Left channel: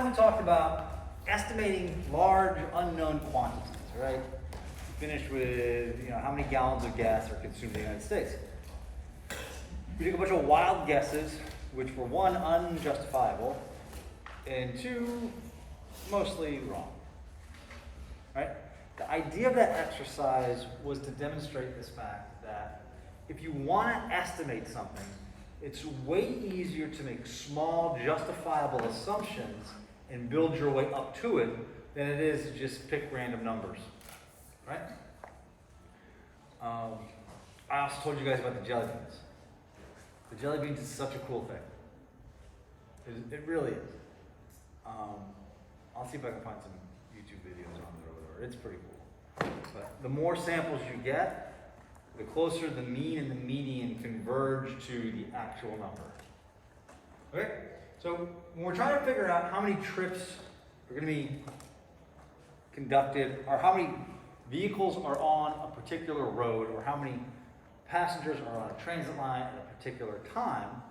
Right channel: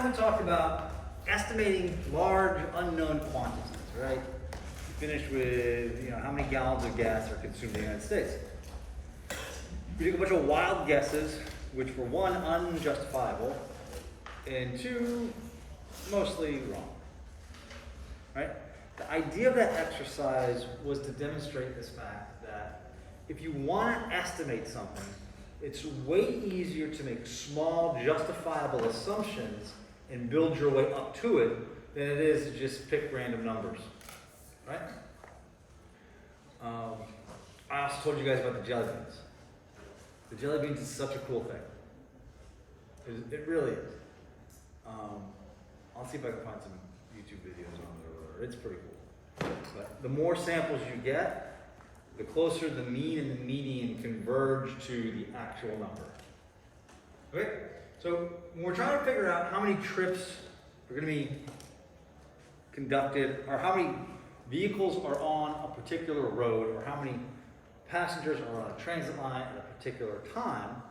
time we talked about estimating large unknown quantities, right? We finished with, how many gallons of gas are consumed in the United States. We took a bunch of wild guesses, which were one, unjustifiable, and two, mostly wrong, right? The idea of that exercise was to demonstrate this fact that if you want to estimate something, it's way easier to make small, justifiable assumptions and build your way up to it than it is to just pick random numbers, right? I also told you guys about the jelly beans. The jelly beans is such a cool thing. It really is. I'll see if I can find some YouTube videos on it or whatever. It's pretty cool. But the more samples you get, the closer the mean and the median converge to the actual number. Okay? So when we're trying to figure out how many trips are going to be conducted, or how many vehicles are on a particular road, or how many passengers are on a transit line at a particular time,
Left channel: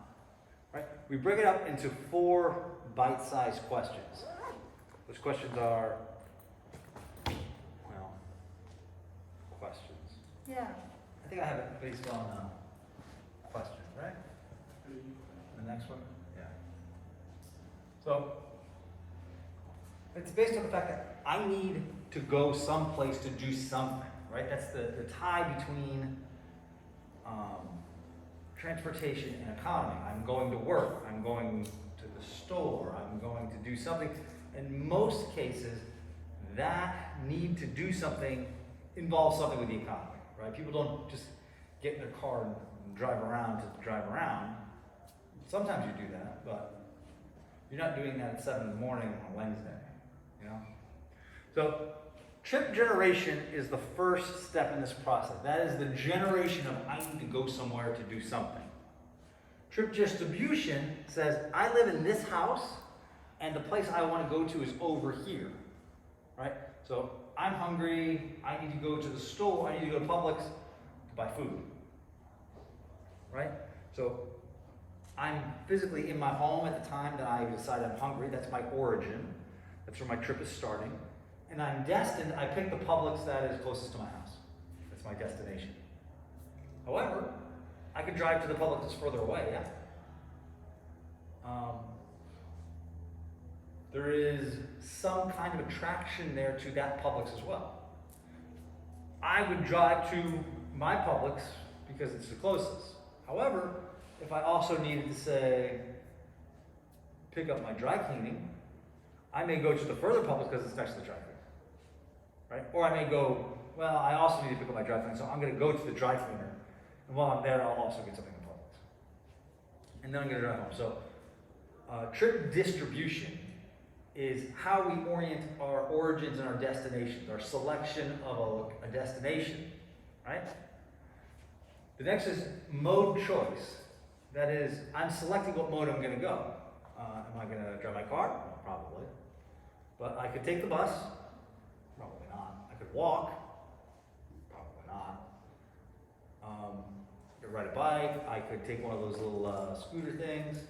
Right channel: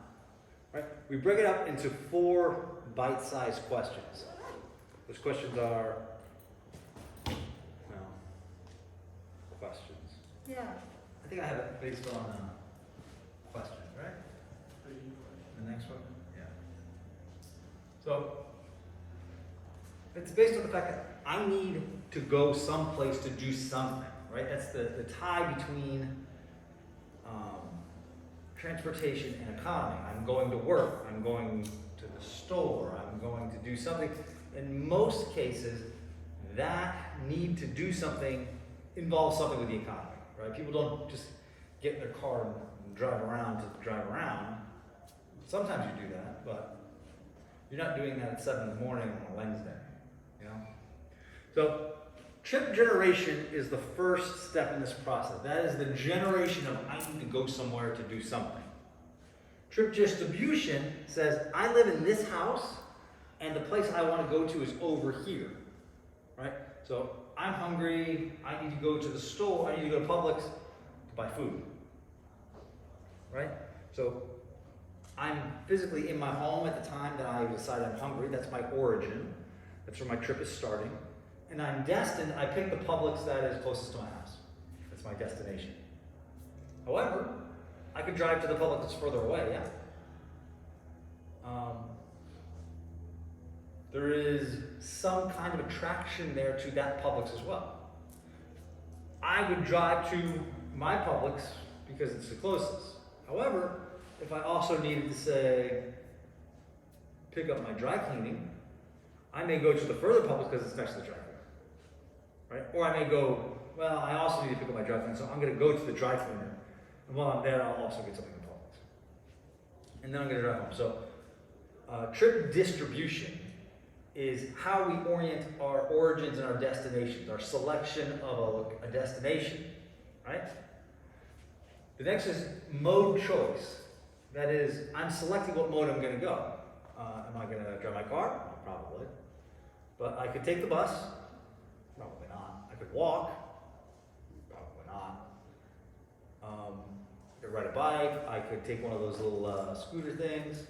right? We break it up into 4 bite-sized questions. Those questions are, questions. Yeah. I think I have it based on questions, right? The next one? Yeah. So, it's based on the fact that I need to go someplace to do something, right? That's the tie between transportation and economy. I'm going to work, I'm going to the store, I'm going to do something. In most cases, that need to do something involves something with the economy. Right? People don't just get in their car and drive around to drive around. Sometimes you do that, but you're not doing that at 7 in the morning on a Wednesday, So, trip generation is the first step in this process. That is the generation of I need to go somewhere to do something. Trip distribution says I live in this house and the place I want to go to is over here, right? So, I'm hungry, I need to go to the store, I need to go to Publix to buy food, right? So I'm physically in my home at the time that I decide I'm hungry. That's my origin. That's where my trip is starting. And I'm destined, I pick the Publix that is closest to my house. That's my destination. However, I could drive to the Publix that's further away, yeah? There is some kind of attraction there to that Publix as well. I would drive to my Publix because it's the closest. However, if I also needed to say, pick up my dry cleaning, I may go to the further Publix because it's next to the dry cleaner, right? Or I may go, well, I also need to pick up my dry cleaning, so I'm going to go to the dry cleaner, and while I'm there, I'll also get something in Publix. And then I'm going to drive home. So, trip distribution is how we orient our origins and our destinations, our selection of a destination, right? The next is mode choice. That is, I'm selecting what mode I'm going to go. Am I going to drive my car? Probably. But I could take the bus. Probably not. I could walk. Probably not. I could ride a bike. I could take one of those little scooter things.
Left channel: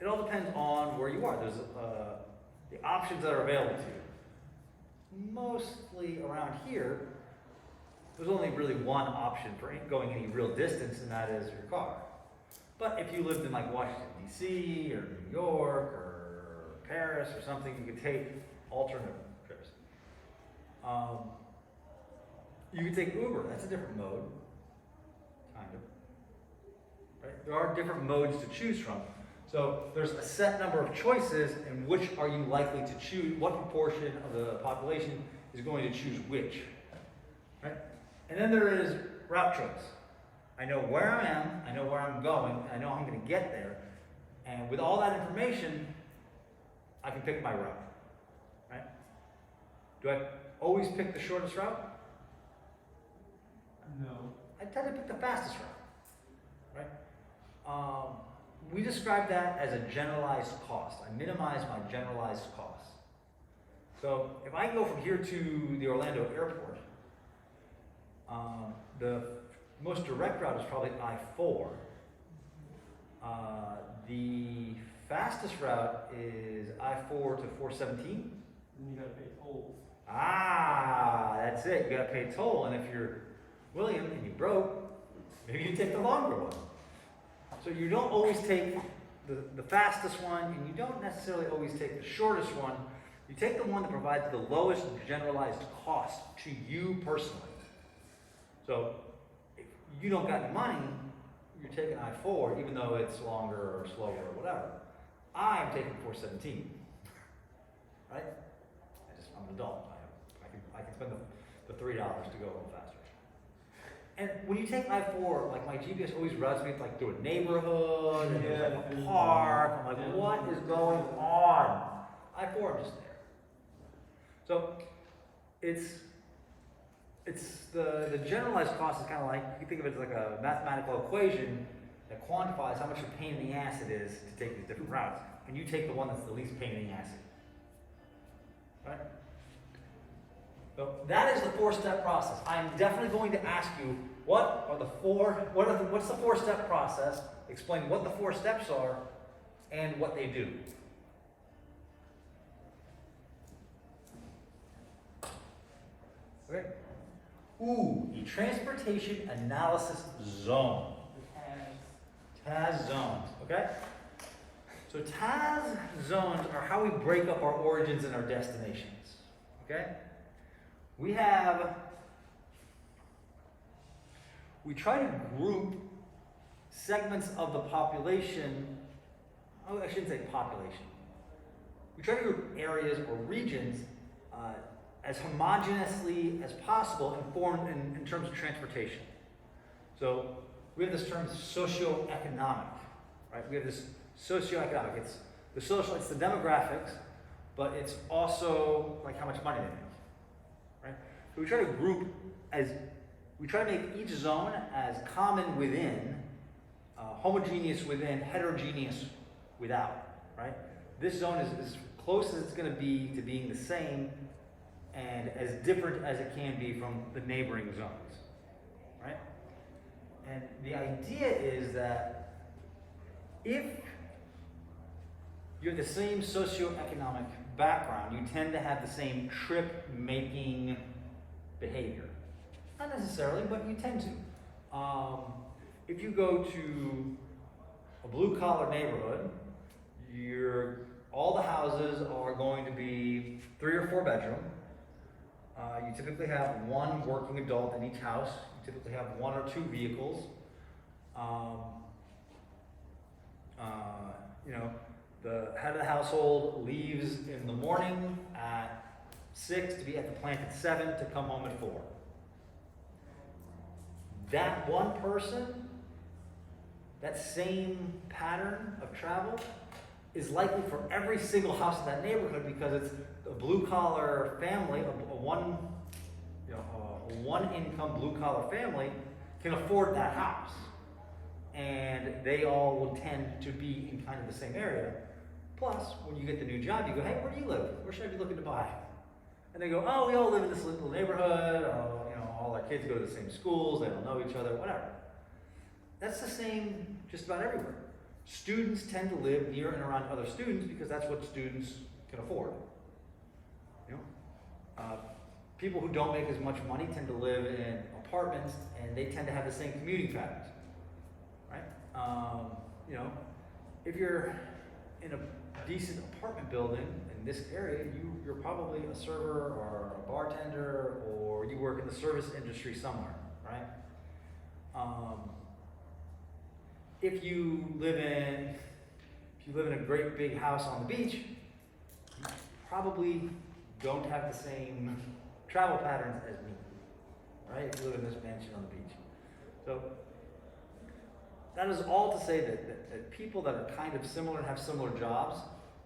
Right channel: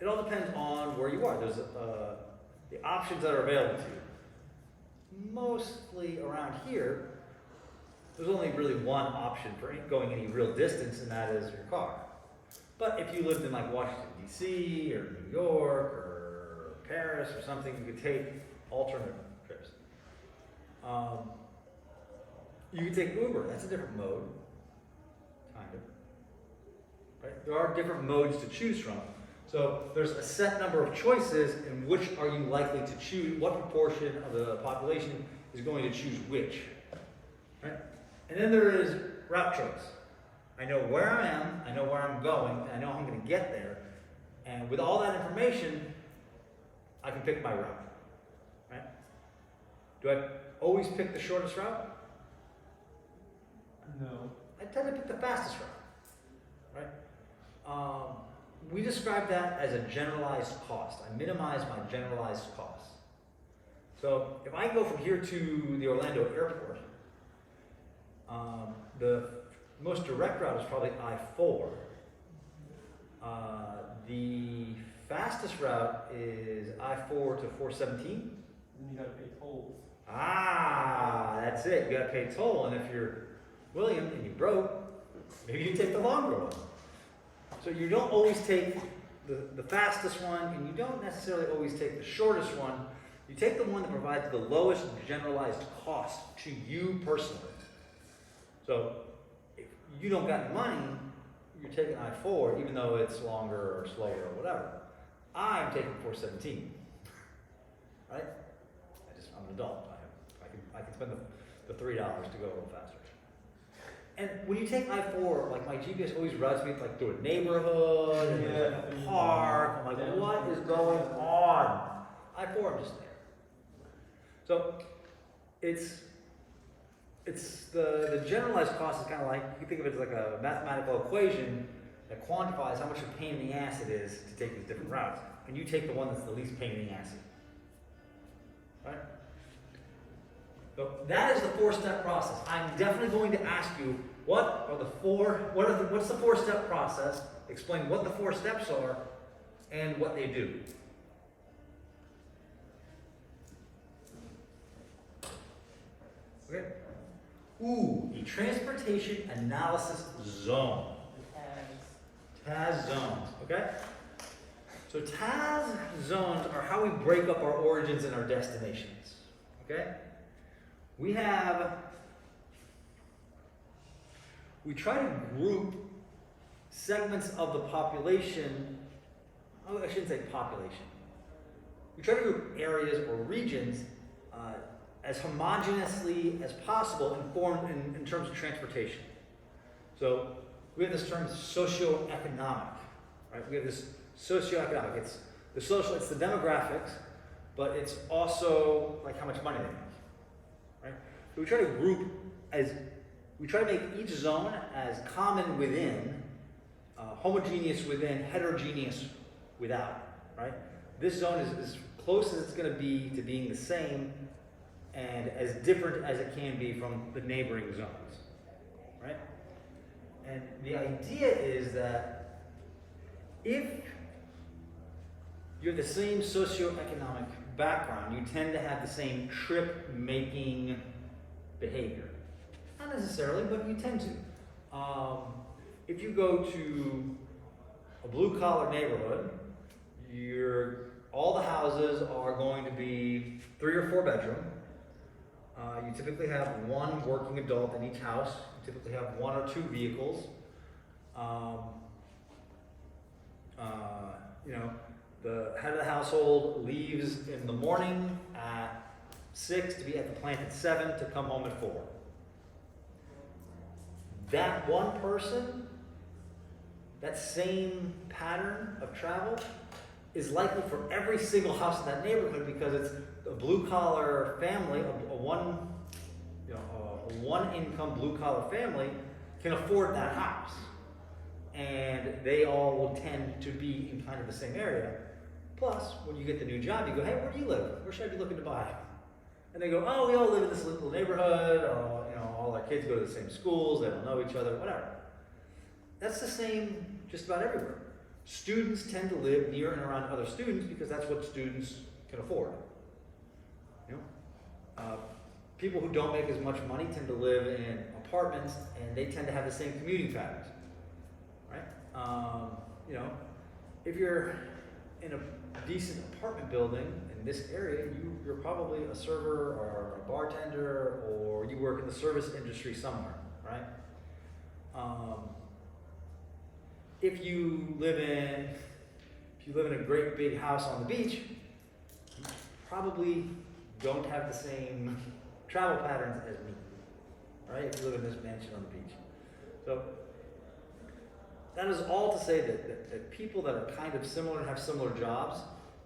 It all depends on where you are. There's the options that are available to you. Mostly around here, there's only really one option for going any real distance, and that is your car. But if you lived in like Washington, D.C., or New York, or Paris, or something, you could take alternate trips. You could take Uber. That's a different mode, kind of. Right? There are different modes to choose from. So there's a set number of choices, and which are you likely to choose? What proportion of the population is going to choose which? Right? And then there is route choice. I know where I am, I know where I'm going, and I know how I'm going to get there. And with all that information, I can pick my route. Right? Do I always pick the shortest route? No. I tend to pick the fastest route. Right? We describe that as a generalized cost. I minimize my generalized costs. So if I go from here to the Orlando airport, the most direct route is probably I-4. The fastest route is I-4 to 417. Then you gotta pay tolls. Ah, that's it. You gotta pay toll, and if you're William and you broke, maybe you take the longer one. So you don't always take the fastest one, and you don't necessarily always take the shortest one. You take the one that provides the lowest generalized cost to you personally. So if you don't got any money, you're taking I-4, even though it's longer or slower or whatever. I'm taking 417, right? I'm an adult. I can spend the $3 to go a little faster. And when you take I-4, like my GPS always routes me like through a neighborhood and there's like a park. I'm like, what is going on? I-4, I'm just there. So it's the generalized cost is kind of like, you can think of it as like a mathematical equation that quantifies how much a pain in the ass it is to take these different routes. And you take the one that's the least pain in the ass. Right? So that is the four-step process. I'm definitely going to ask you, what's the four-step process? Explain what the 4 steps are and what they do. Okay. Ooh, a transportation analysis zone. TAZ zones, okay? So TAZ zones are how we break up our origins and our destinations, okay? We try to group segments of the population, I shouldn't say population. We try to group areas or regions as homogeneously as possible informed in terms of transportation. So we have this term socioeconomic, right? We have this socioeconomic. It's the social, it's the demographics, but it's also like how much money they make. Right? So we try to make each zone as common within, homogeneous within, heterogeneous without, right? This zone is as close as it's going to be to being the same and as different as it can be from the neighboring zones, right? And the idea is that if you're the same socioeconomic background, you tend to have the same trip-making behavior. Not necessarily, but you tend to. If you go to a blue-collar neighborhood, all the houses are going to be 3 or 4 bedroom. You typically have one working adult in each house. You typically have 1 or 2 vehicles. The head of the household leaves in the morning at 6 to be at the plant at 7 to come home at 4. That one person, that same pattern of travel is likely for every single house in that neighborhood because it's a blue-collar family, a one-income blue-collar family can afford that house. And they all will tend to be in kind of the same area. Plus, when you get the new job, you go, hey, where do you live? Where should I be looking to buy? And they go, oh, we all live in this little neighborhood, or all our kids go to the same schools, they don't know each other, whatever. That's the same just about everywhere. Students tend to live near and around other students because that's what students can afford. People who don't make as much money tend to live in apartments, and they tend to have the same commuting patterns, right? If you're in a decent apartment building in this area, you're probably a server or a bartender, or you work in the service industry somewhere, right? If you live in a great big house on the beach, you probably don't have the same travel patterns as me, right? If you live in this mansion on the beach. So that is all to say that people that are kind of similar and have similar jobs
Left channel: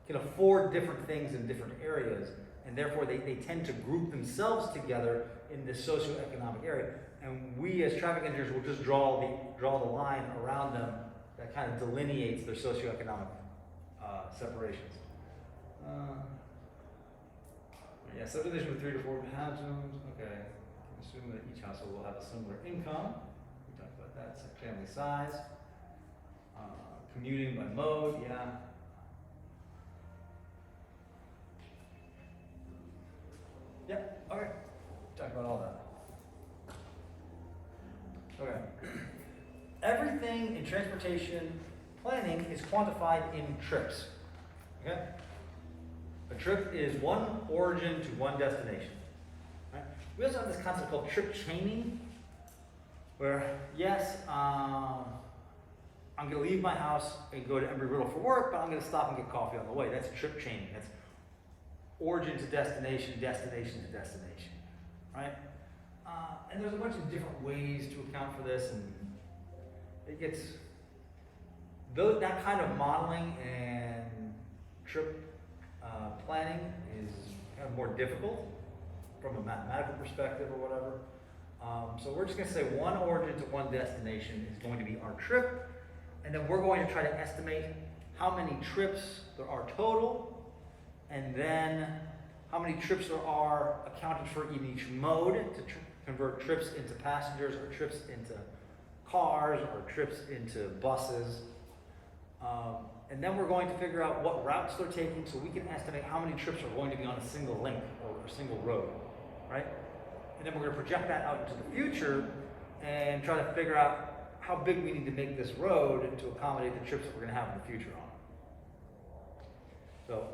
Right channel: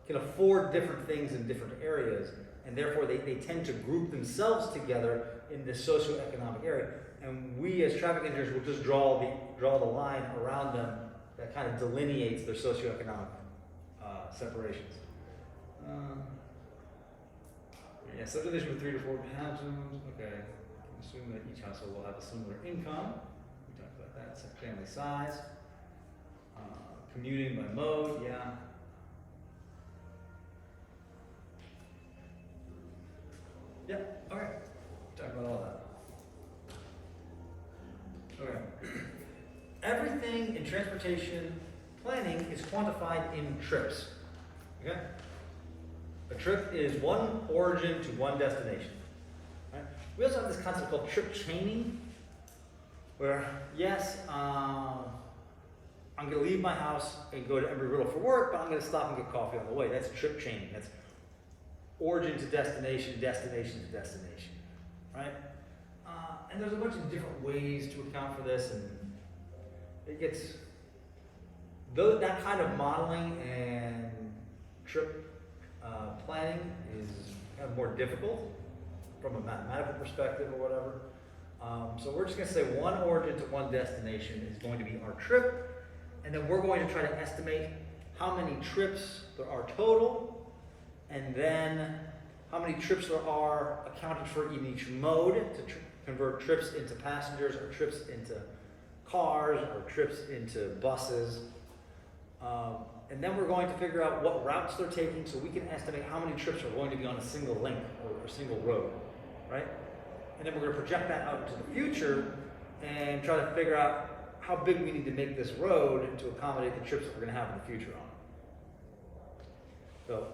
can afford different things in different areas, and therefore they tend to group themselves together in this socioeconomic area. And we as traffic engineers will just draw the line around them that kind of delineates their socioeconomic separations. Subdivision with 3 to 4 bedrooms. Okay, assume that each household will have a similar income. We talked about that. Family size. Commuting by mode, yeah. Yeah, all right. Talk about all that. Okay. Everything in transportation planning is quantified in trips. Okay? A trip is one origin to one destination. Right? We also have this concept called trip chaining, where yes, I'm going to leave my house and go to Embry-Riddle for work, but I'm going to stop and get coffee on the way. That's trip chaining. That's origin to destination, destination to destination. Right? And there's a bunch of different ways to account for this, and it gets that kind of modeling and trip planning is kind of more difficult from a mathematical perspective or whatever. So we're just going to say one origin to one destination is going to be our trip, and then we're going to try to estimate how many trips there are total, and then how many trips there are accounted for in each mode to convert trips into passengers or trips into cars or trips into buses. And then we're going to figure out what routes they're taking so we can estimate how many trips are going to be on a single link or a single road, right? And then we're going to project that out into the future and try to figure out how big we need to make this road to accommodate the trips that we're going to have in the future on it. So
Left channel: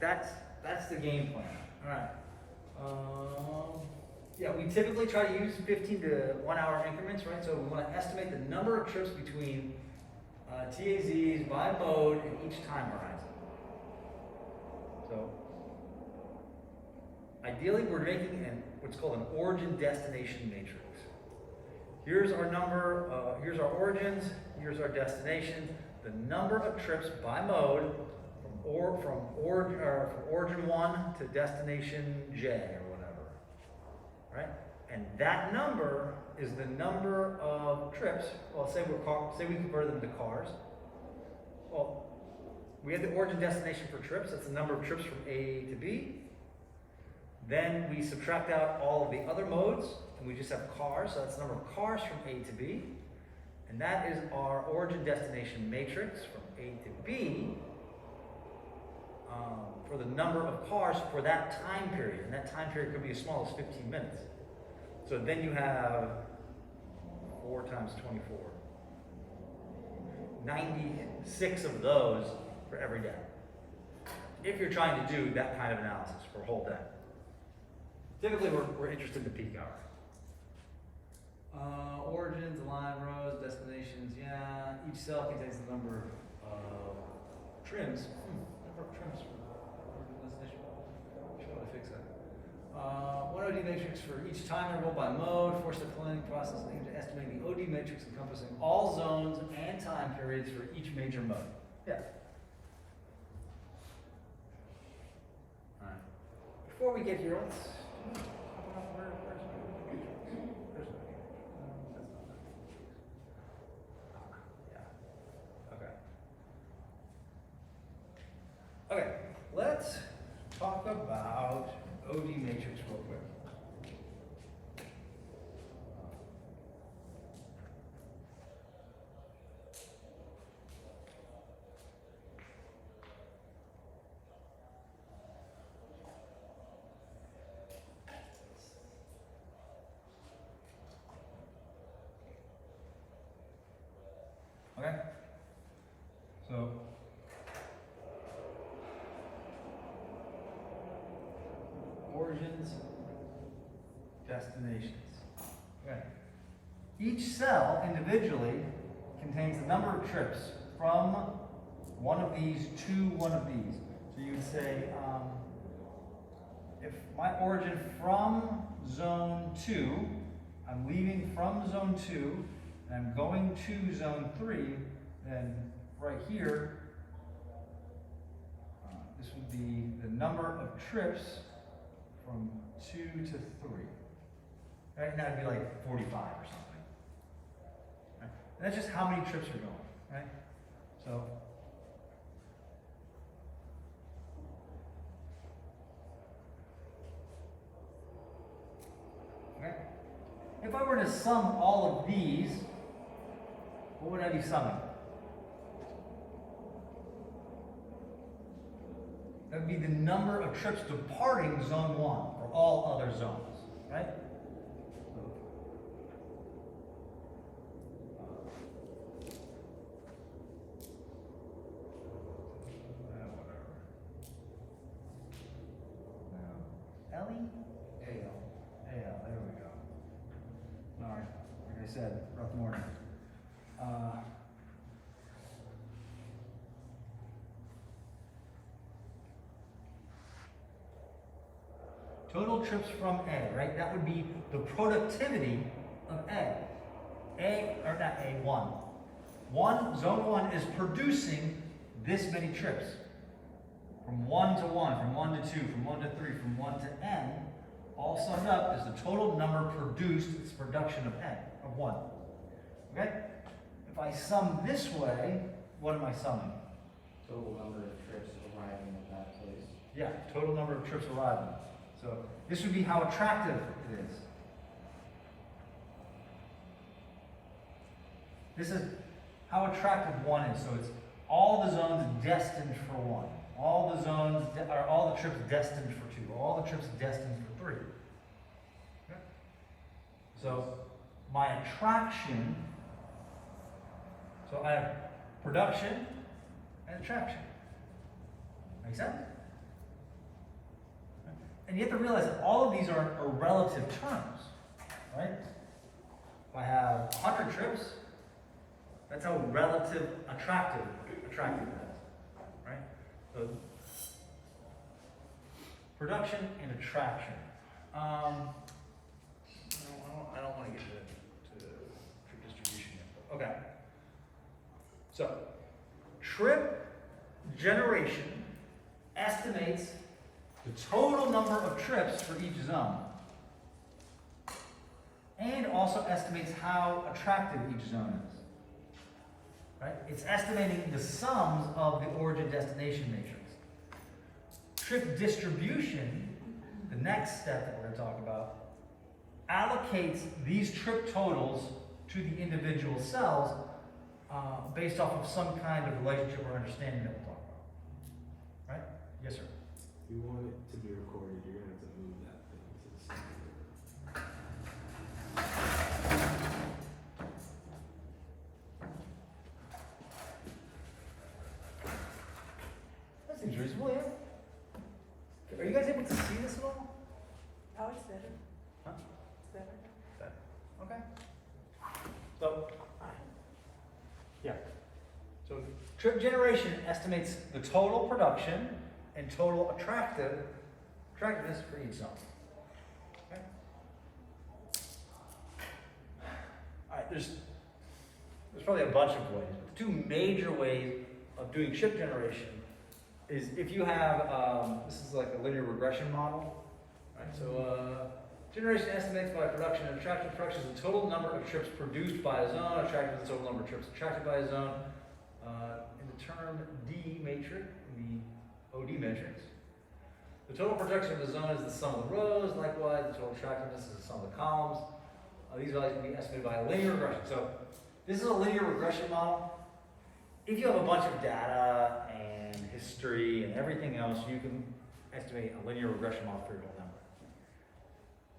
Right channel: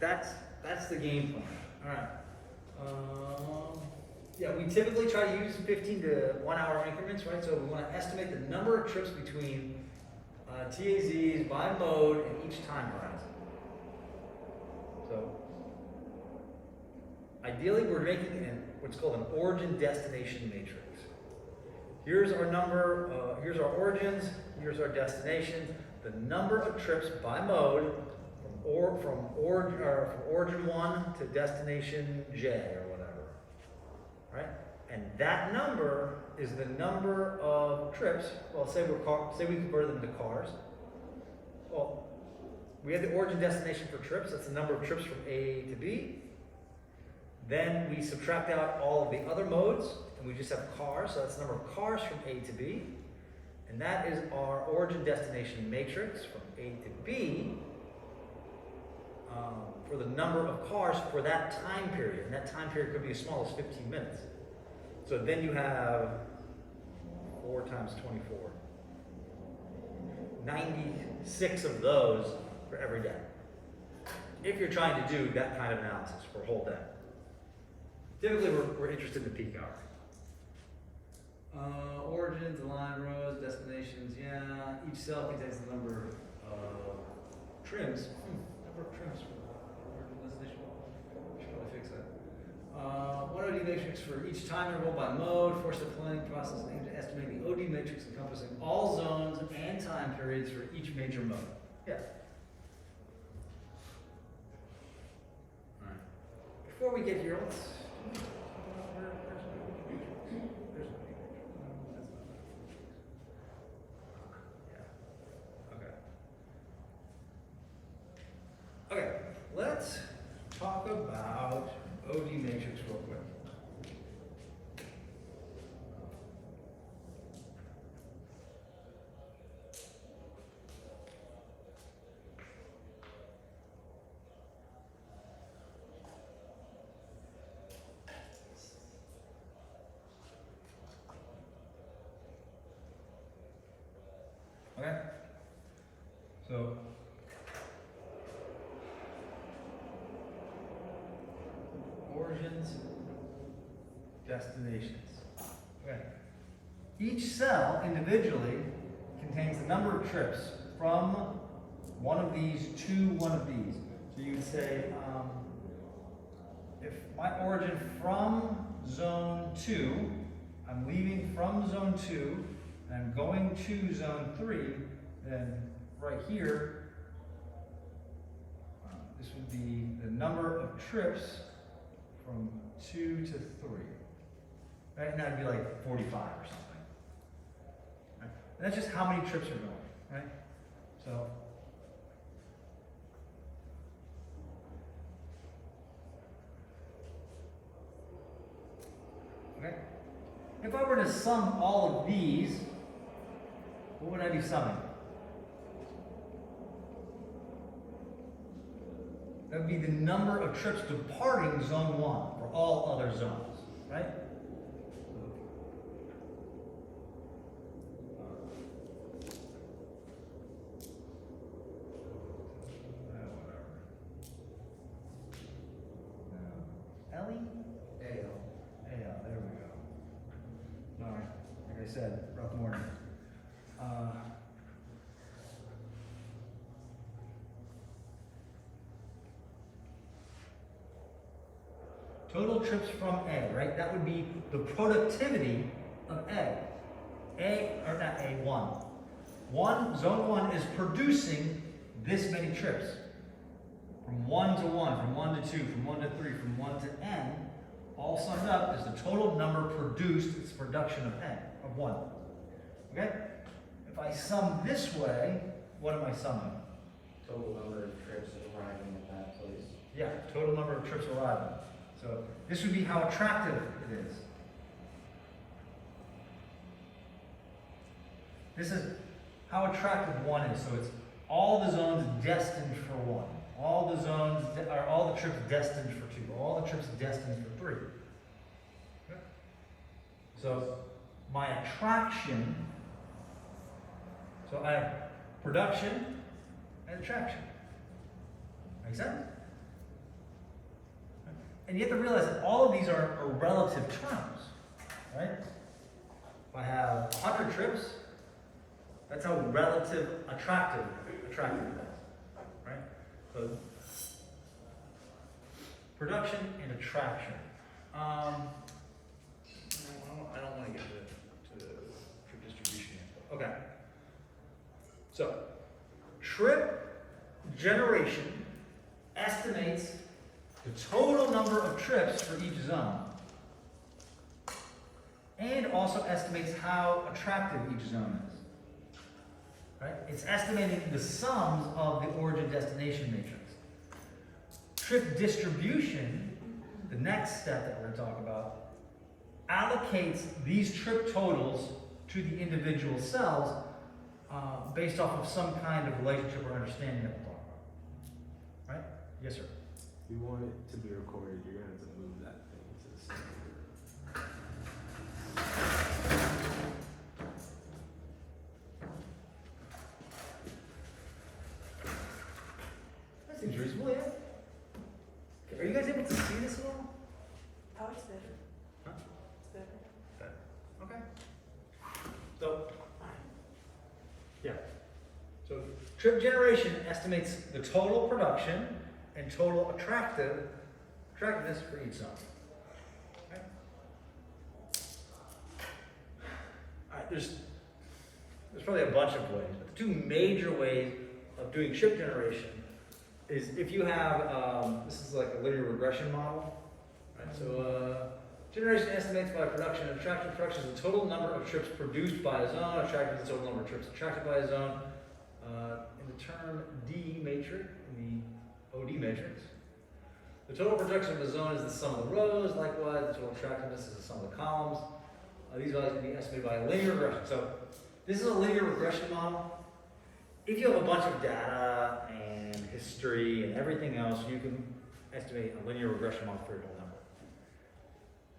that's the game plan. All right. Yeah, we typically try to use 15 to 1 hour increments, right? So we want to estimate the number of trips between TAZs by mode and each time horizon. So ideally, we're making what's called an origin destination matrix. Here's our number, here's our origins, here's our destinations, the number of trips by mode from origin 1 to destination J or whatever, right? And that number is the number of trips. Well, say we convert them to cars. Well, we have the origin destination for trips. That's the number of trips from A to B. Then we subtract out all of the other modes, and we just have cars. So that's the number of cars from A to B. And that is our origin destination matrix from A to B for the number of cars for that time period. And that time period could be as small as 15 minutes. So then you have 4 times 24. 96 of those for every day. If you're trying to do that kind of analysis for a whole day. Typically we're interested in the peak hour. Origins, aligned rows, destinations, yeah. Each cell contains the number of trims. Number of trims for origin destination. Should probably fix that. One OD matrix for each time interval by mode, four-step planning process aimed at estimating the OD matrix encompassing all zones and time periods for each major mode. Yeah. All right. Before we get here, let's talk about where's yeah. Okay. Okay. Let's talk about OD matrix real quick. Okay? So, origins, destinations. Okay. Each cell individually contains the number of trips from one of these to one of these. So you would say, if my origin from zone 2, I'm leaving from zone 2, and I'm going to zone 3, then right here, this would be the number of trips from 2 to 3. Right? And that would be like 45 or something. Right? And that's just how many trips are going, right? So, okay. If I were to sum all of these, what would I be summing? That would be the number of trips departing zone 1 for all other zones, right? Ellie? A-L, there we go. Sorry, like I said, rough morning. Total trips from A, right? That would be the productivity of A. Or not A1. Zone 1 is producing this many trips. From 1 to 1, from 1 to 2, from 1 to 3, from 1 to N, all summed up is the total number produced, it's production of N, of 1. Okay? If I sum this way, what am I summing? Total number of trips arriving at that place. Yeah, total number of trips arriving. So this would be how attractive it is. This is how attractive 1 is. So it's all the zones destined for 1. All the trips destined for 2. All the trips destined for 3. Okay. So my attraction, so I have production and attraction. Make sense? And you have to realize that all of these are relative terms, right? If I have 100 trips, that's how relative attractive it is, right? So production and attraction. I don't want to get to trip distribution yet. But okay. So trip generation estimates the total number of trips for each zone, and also estimates how attractive each zone is. Right? It's estimating the sums of the origin-destination matrix. Trip distribution, the next step that we're going to talk about, allocates these trip totals to the individual cells based off of some kind of relationship or understanding that we'll talk about. Right? Yes, sir. You want it to be recorded, you're going to have to move that thing to the side. That seems reasonable, yeah? Are you guys able to see this at all? Oh, it's better. Huh? It's better. Okay. So, yeah. So, trip generation estimates the total production and total attractiveness for each zone. Okay? All right, there's probably a bunch of ways, but the two major ways of doing trip generation is if you have, this is like a linear regression model. Right? So, generation estimates by production and attractive. Production is the total number of trips produced by a zone. Attractive is the total number of trips attracted by a zone. In the term D matrix, the OD matrix. The total production of the zone is the sum of the rows. Likewise, the total attractiveness is the sum of the columns. These values can be estimated by a linear regression. So this is a linear regression model. If you have a bunch of data and history and everything else, you can estimate a linear regression model for your whole number.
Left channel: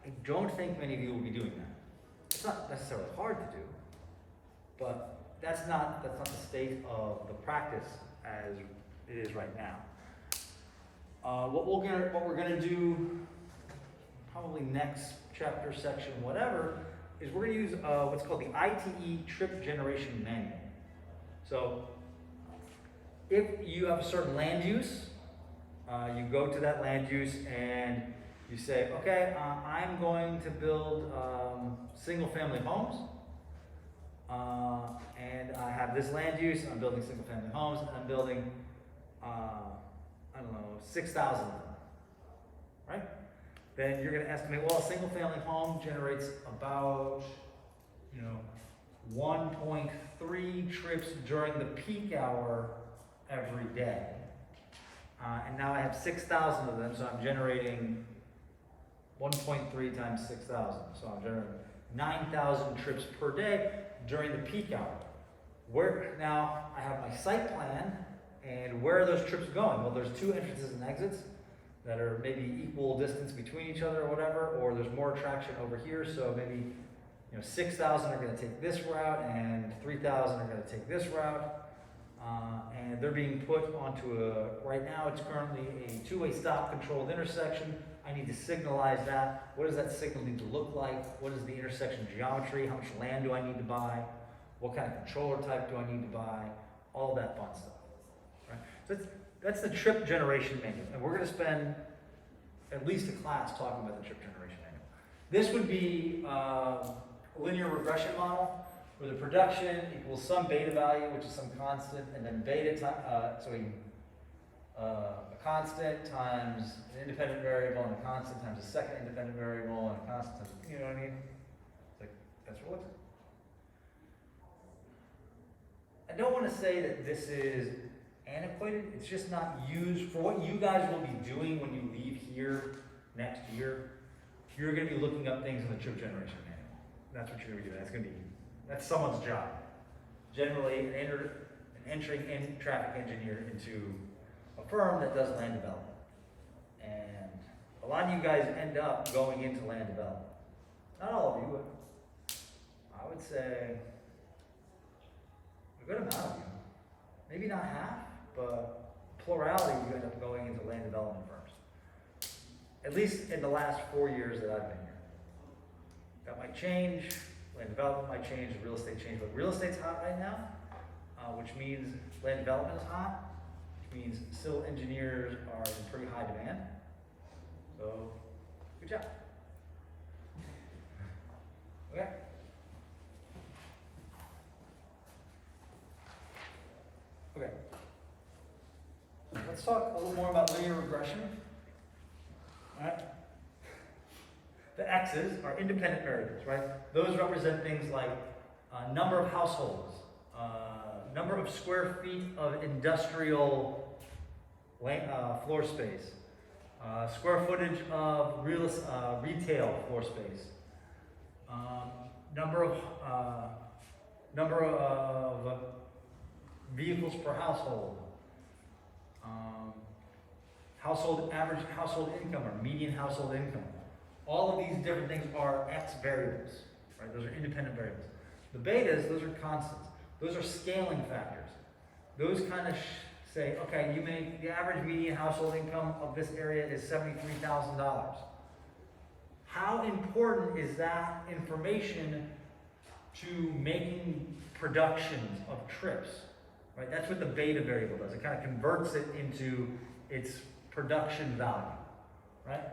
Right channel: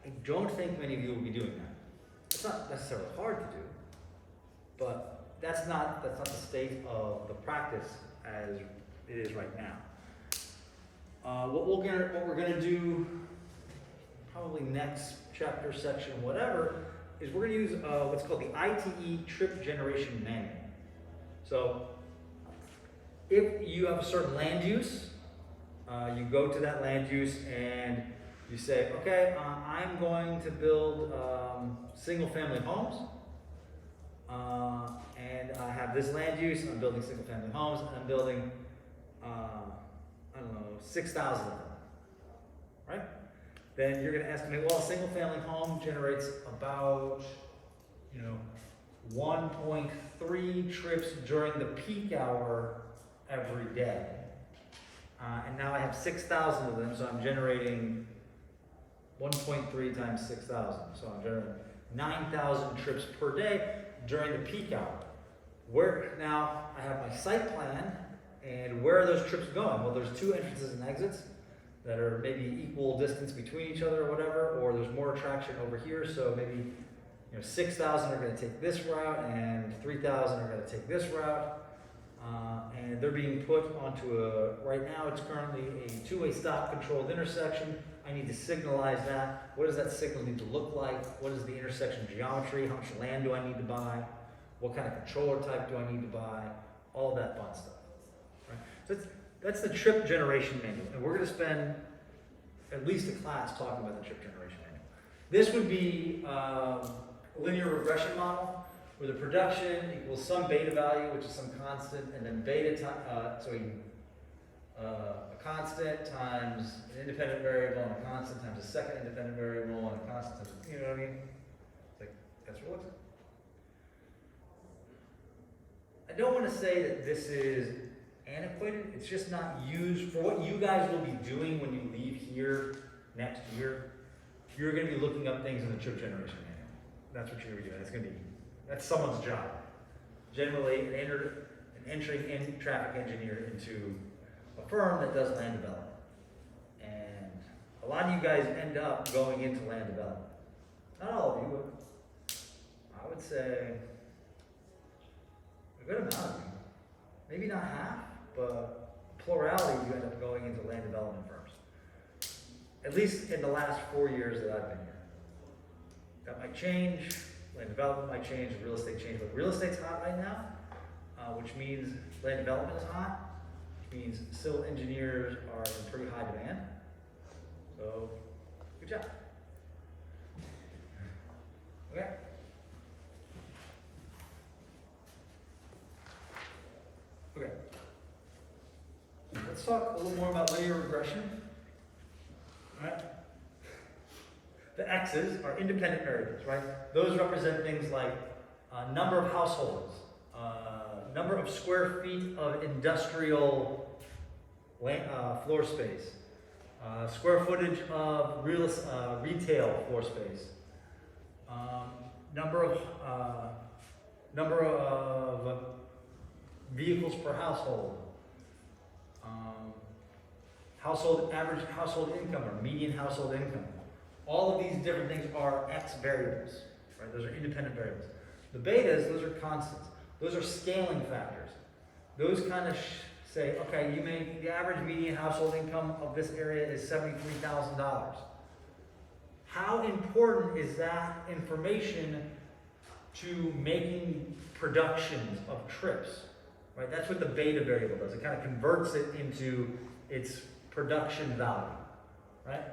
I don't think many of you will be doing that. It's not necessarily hard to do, but that's not the state of the practice as it is right now. What we're gonna do, probably next chapter, section, whatever, is we're gonna use what's called the ITE Trip Generation Manual. So, if you have a certain land use, you go to that land use and you say, okay, I'm going to build single-family homes, and I have this land use. I'm building single-family homes, and I'm building, 6,000 of them, right? Then you're going to estimate, well, a single-family home generates about, 1.3 trips during the peak hour every day. And now I have 6,000 of them, so I'm generating 1.3 times 6,000. So I'm generating 9,000 trips per day during the peak hour. Now I have my site plan, And where are those trips going? Well, there's 2 entrances and exits that are maybe equal distance between each other or whatever, or there's more traction over here, so maybe 6,000 are going to take this route and 3,000 are going to take this route. And they're being put onto right now it's currently a 2-way stop controlled intersection. I need to signalize that. What does that signal need to look like? What is the intersection geometry? How much land do I need to buy? What kind of controller type do I need to buy? All of that fun stuff. Right? So that's the trip generation manual. And we're going to spend at least a class talking about the trip generation manual. This would be a linear regression model where the production equals some beta value, which is some constant, and then beta time, a constant times an independent variable and a constant times a second independent variable and a constant times, you know what I mean? It's like, that's what it looks like. I don't want to say that this is antiquated, it's just not used for what you guys will be doing when you leave here next year. You're going to be looking up things in the trip generation manual. That's what you're going to be doing. That's someone's job. Generally, an entry and traffic engineer into a firm that does land development. And a lot of you guys end up going into land development. Not all of you, but I would say a good amount of you. Maybe not half, but plurality you end up going into land development firms. At least in the last 4 years that I've been here. That might change. Land development might change, real estate change, but real estate's hot right now, which means land development is hot, which means civil engineers are in pretty high demand. So, good job. Okay. Okay. Let's talk a little more about linear regression. All right. The X's are independent variables, right? Those represent things like number of households, number of square feet of industrial floor space, square footage of retail floor space, number of vehicles per household, average household income or median household income. All of these different things are X variables, right? Those are independent variables. The betas, those are constants. Those are scaling factors. Those kind of say, okay, the average median household income of this area is $73,000. How important is that information to making productions of trips, right? That's what the beta variable does. It kind of converts it into its production value, right?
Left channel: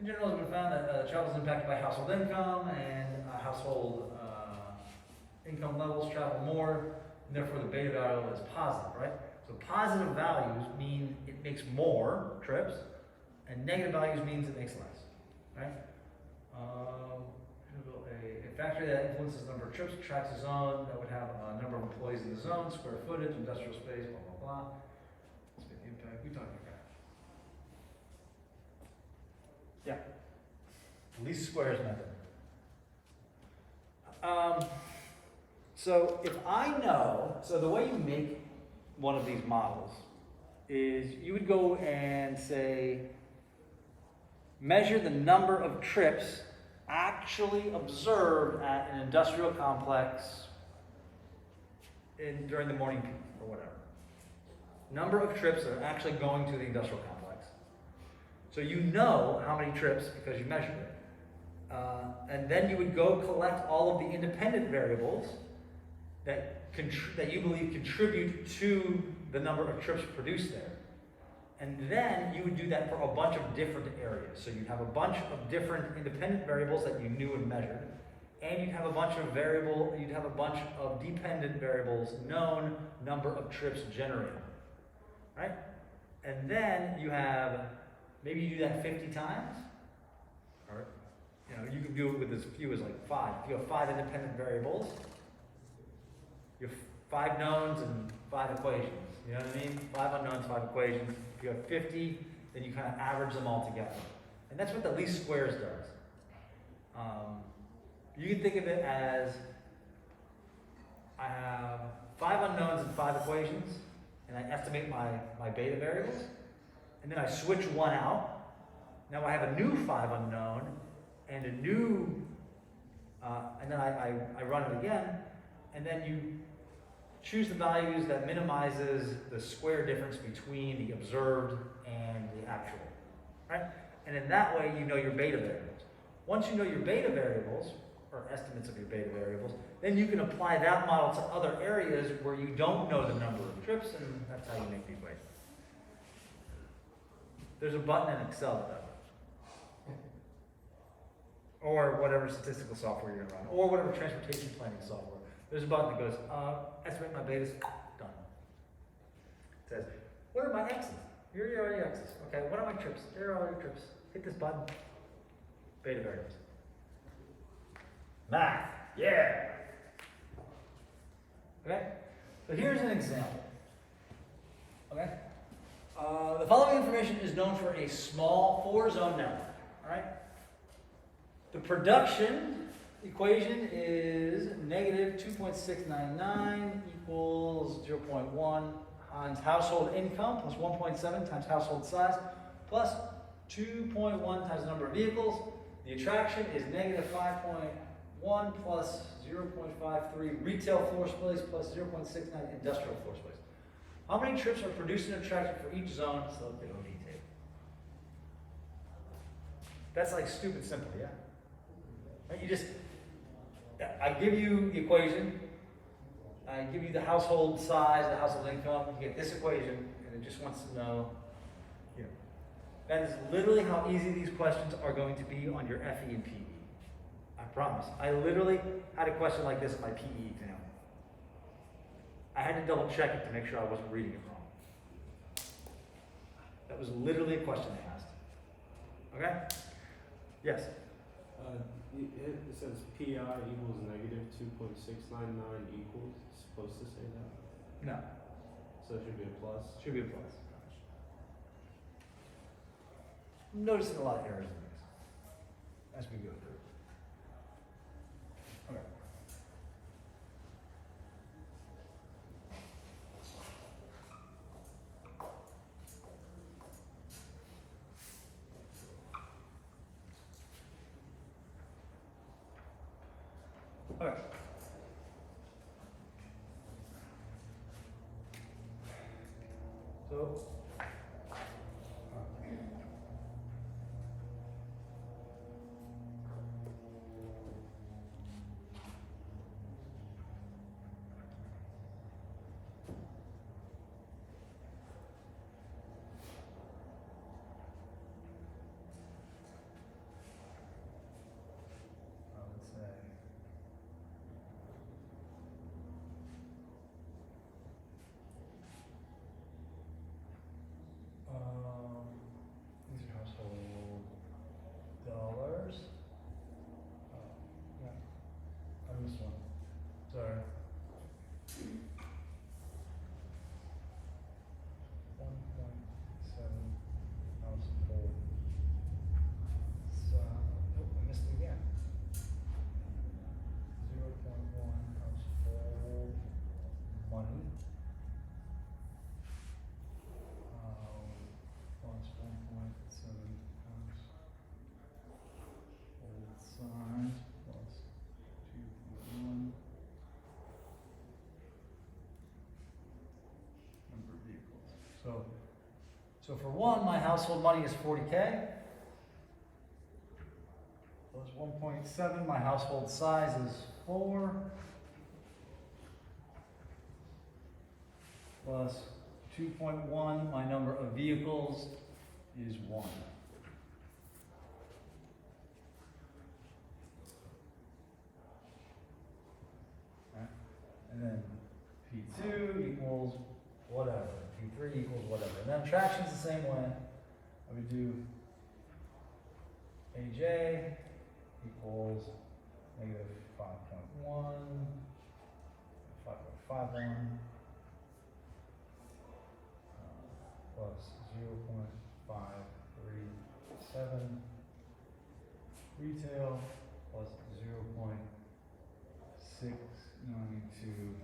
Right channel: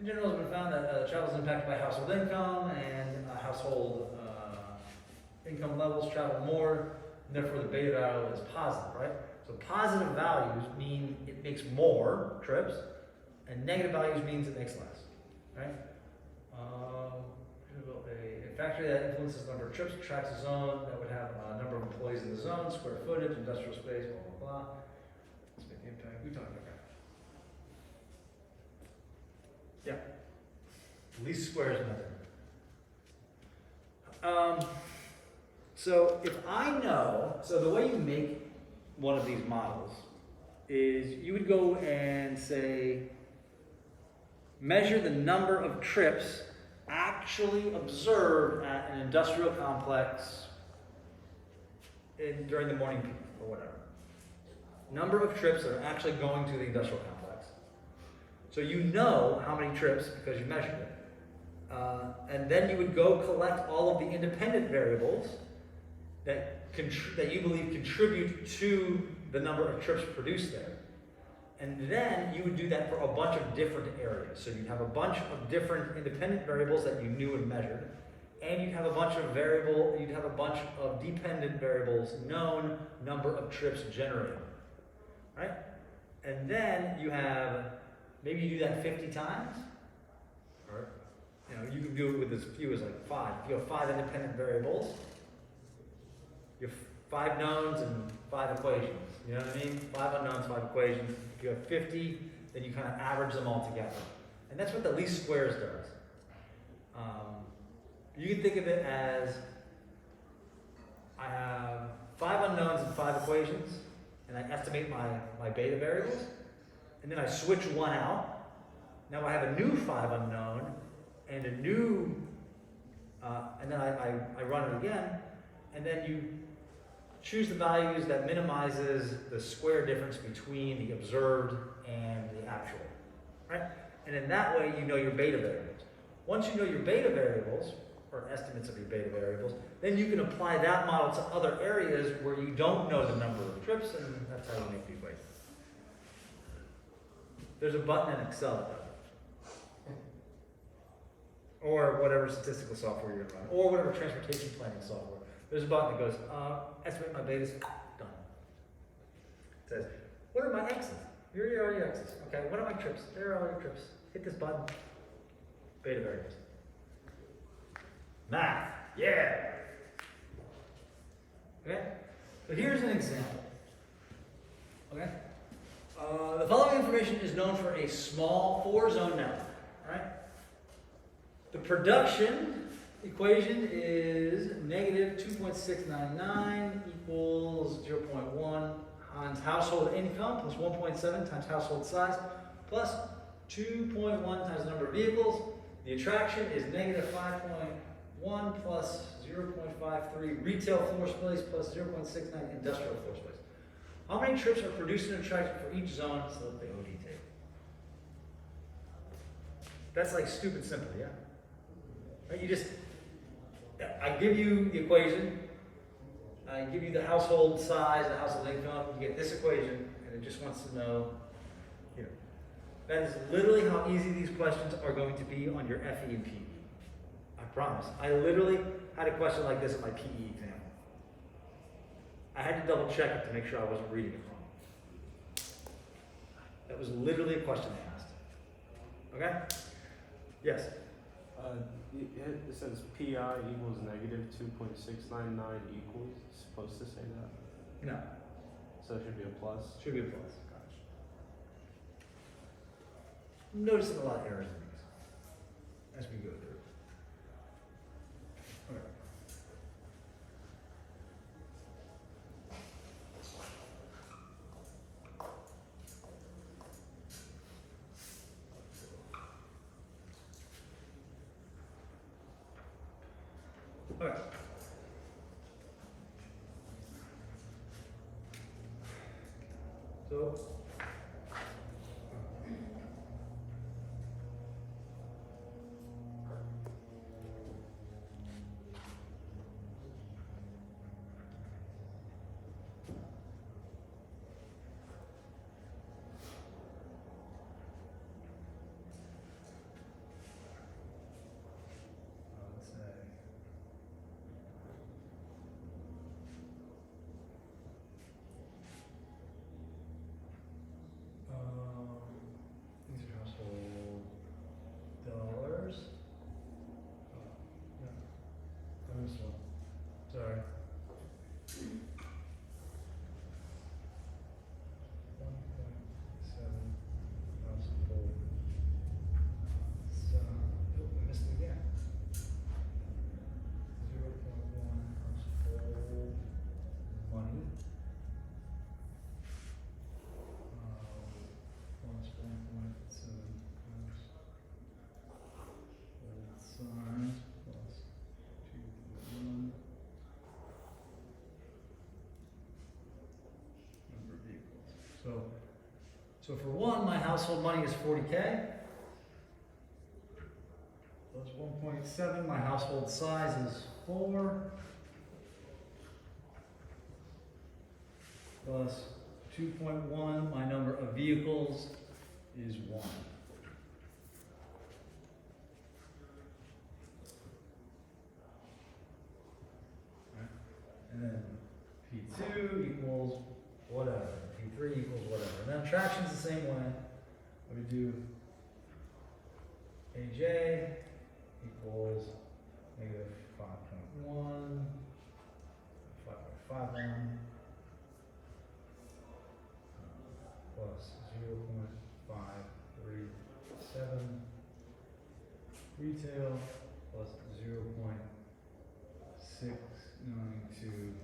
In general, it's been found that travel is impacted by household income, and household income levels travel more, and therefore the beta value is positive, right? So positive values mean it makes more trips, and negative values means it makes less, right? A factory that influences the number of trips attracts a zone that would have a number of employees in the zone, square footage, industrial space, blah, blah, blah. Let's make the impact. We talked about that. Yeah. Least squares method. So if I know, so the way you make one of these models is you would go and say, measure the number of trips actually observed at an industrial complex during the morning peak or whatever. Number of trips that are actually going to the industrial complex. So you know how many trips because you measured it. And then you would go collect all of the independent variables that you believe contribute to the number of trips produced there. And then you would do that for a bunch of different areas. So you'd have a bunch of different independent variables that you knew and measured, and you'd have a bunch of dependent variables, known number of trips generated, right? And then you have, maybe you do that 50 times, or you can do it with as few as like 5. If you have 5 independent variables, you have 5 knowns and 5 equations. You know what I mean? 5 unknowns, 5 equations. If you have 50, then you kind of average them all together. And that's what the least squares does. You can think of it as I have 5 unknowns and 5 equations, and I estimate my beta variables, and then I switch one out. Now I have a new 5 unknown, and a new, and then I run it again, and then you choose the values that minimizes the square difference between the observed and the actual, right? And in that way, you know your beta variables. Once you know your beta variables, or estimates of your beta variables, then you can apply that model to other areas where you don't know the number of trips, and that's how you make the equation. There's a button in Excel that does it. Or whatever statistical software you're gonna run, or whatever transportation planning software. There's a button that goes, estimate my betas, done. It says, what are my X's? Here are your X's. Okay, what are my trips? Here are all your trips. Hit this button. Beta variables. Math, yeah. Okay, so here's an example. Okay, the following information is known for a small 4-zone network. All right, the production equation is negative 2.699 equals 0.1 times household income plus 1.7 times household size plus 2.1 times the number of vehicles. The attraction is negative 5.1 plus 0.53 retail floor space plus 0.69 industrial floor space. How many trips are produced in attraction for each zone? So the OD table. That's like stupid simple, yeah? Right? You just, I give you the equation, I give you the household size, the household income, you get this equation, and it just wants to know, you know. That is literally how easy these questions are going to be on your FE and PE. I promise. I literally had a question like this at my PE exam. I had to double check it to make sure I wasn't reading it wrong. That was literally a question they asked. Okay? Yes? It says PI equals negative 2.699 equals. It's supposed to say that? No. So it should be a plus? Should be a plus. I'm noticing a lot of errors in these as we go through. Okay. Okay. So, let's say, these are household dollars. Yeah, I missed one. Sorry. 1.7 household. So, oh, I missed it again. 0.1 household money. Plus 1.7 household size plus 2.1 number of vehicles. So for one, my household money is 40K. Plus 1.7, my household size is 4. Plus 2.1, my number of vehicles is 1. Okay. And then P2 equals whatever. P3 equals whatever. And then traction's the same way. I would do AJ equals negative 5.1, 5.51, plus 0.537 retail plus 0.692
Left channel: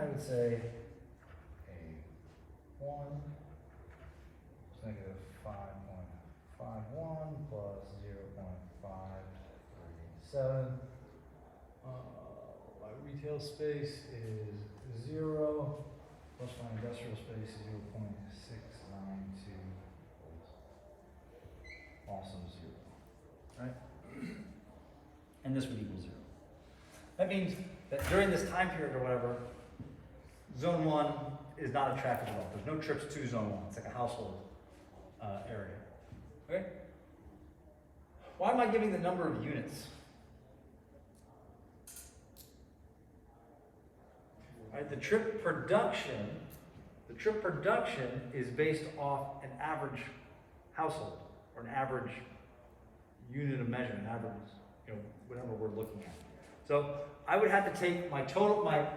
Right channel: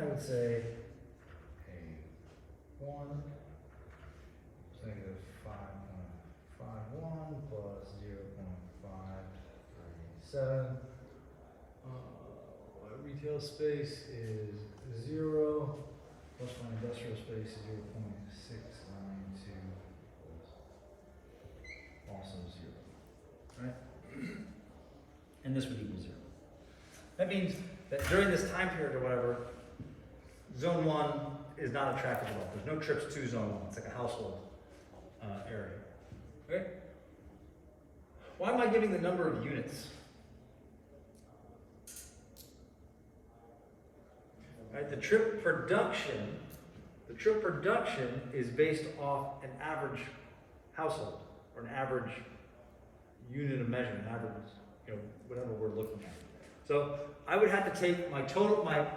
I would say A1 is negative 5.51 plus 0.537. My retail space is 0 plus my industrial space is 0.692 also 0. Right? And this would equal 0. That means that during this time period or whatever, zone 1 is not attractive at all. There's no trips to zone 1. It's like a household area. Okay? Why am I giving the number of units? Right, the trip production is based off an average household or an average unit of measure, an average, whatever we're looking at. So I would have to take my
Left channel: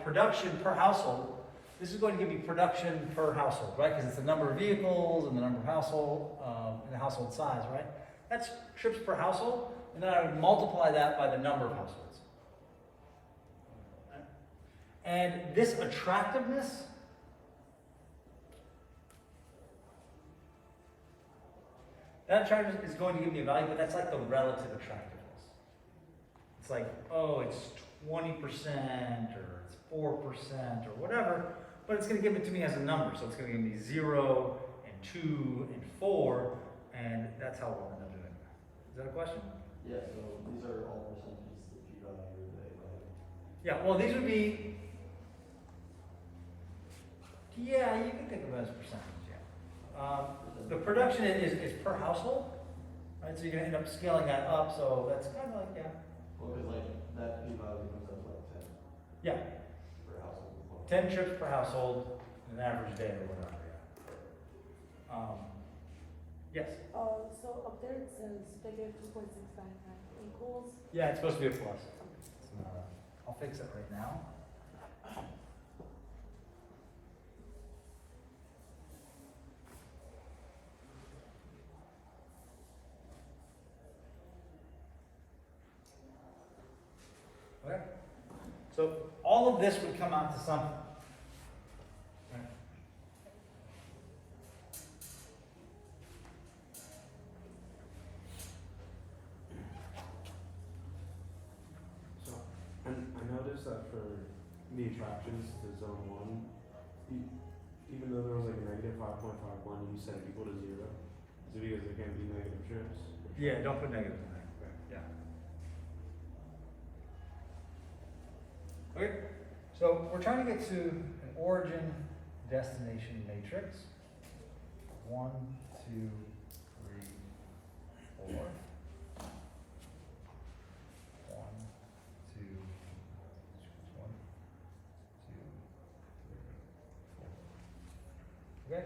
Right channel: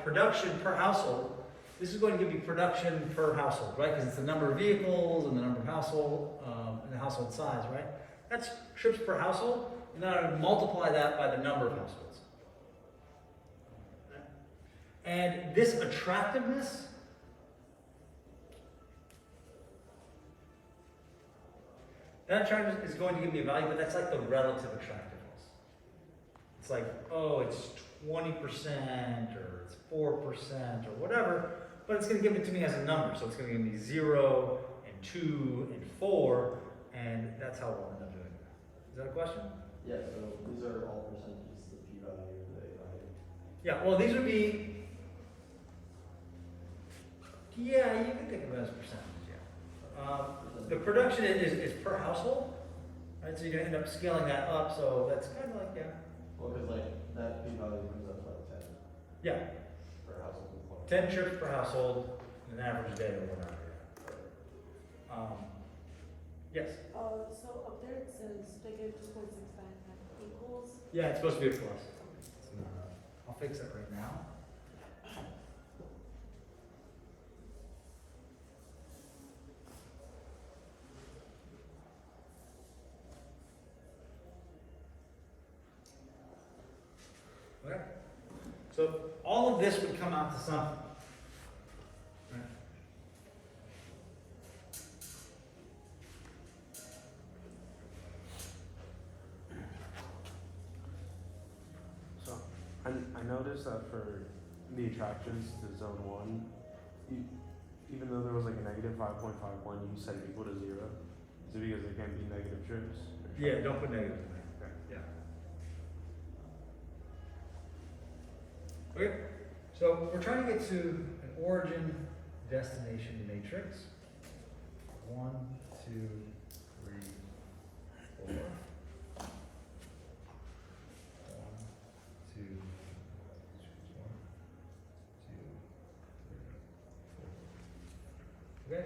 production per household. This is going to give me production per household, right? Because it's the number of vehicles and the number of household and the household size, right? That's trips per household, and then I would multiply that by the number of households. And this attractiveness, that attractiveness is going to give me a value, but that's like the relative attractiveness. It's like, oh, it's 20% or it's 4% or whatever, but it's going to give it to me as a number. So it's going to give me 0 and 2 and 4, and that's how we'll end up doing that. Is that a question? Yeah, so these are all percentages, the p-value, the a-value. Yeah, well, these would be, yeah, you can think of it as percentages, yeah. The production is per household, right? So you're going to end up scaling that up, so that's kind of like, yeah. Well, because like that p-value comes up to like 10 Yeah, per household as well. 10 trips per household, an average day or whatever, yeah. Yes? So up there it says negative 2.699 equals. Yeah, it's supposed to be a plus. It's not. I'll fix it right now. Okay. So all of this would come out to something. Right? So, I noticed that for the attractions to zone 1, even though there was like a negative 5.51, you said equal to 0. Is it because there can't be negative trips? Yeah, don't put negatives in there. Yeah. Okay, so we're trying to get to an origin destination matrix. 1, 2, 3, 4. 1, 2, 1, 2, 3, 4. Okay?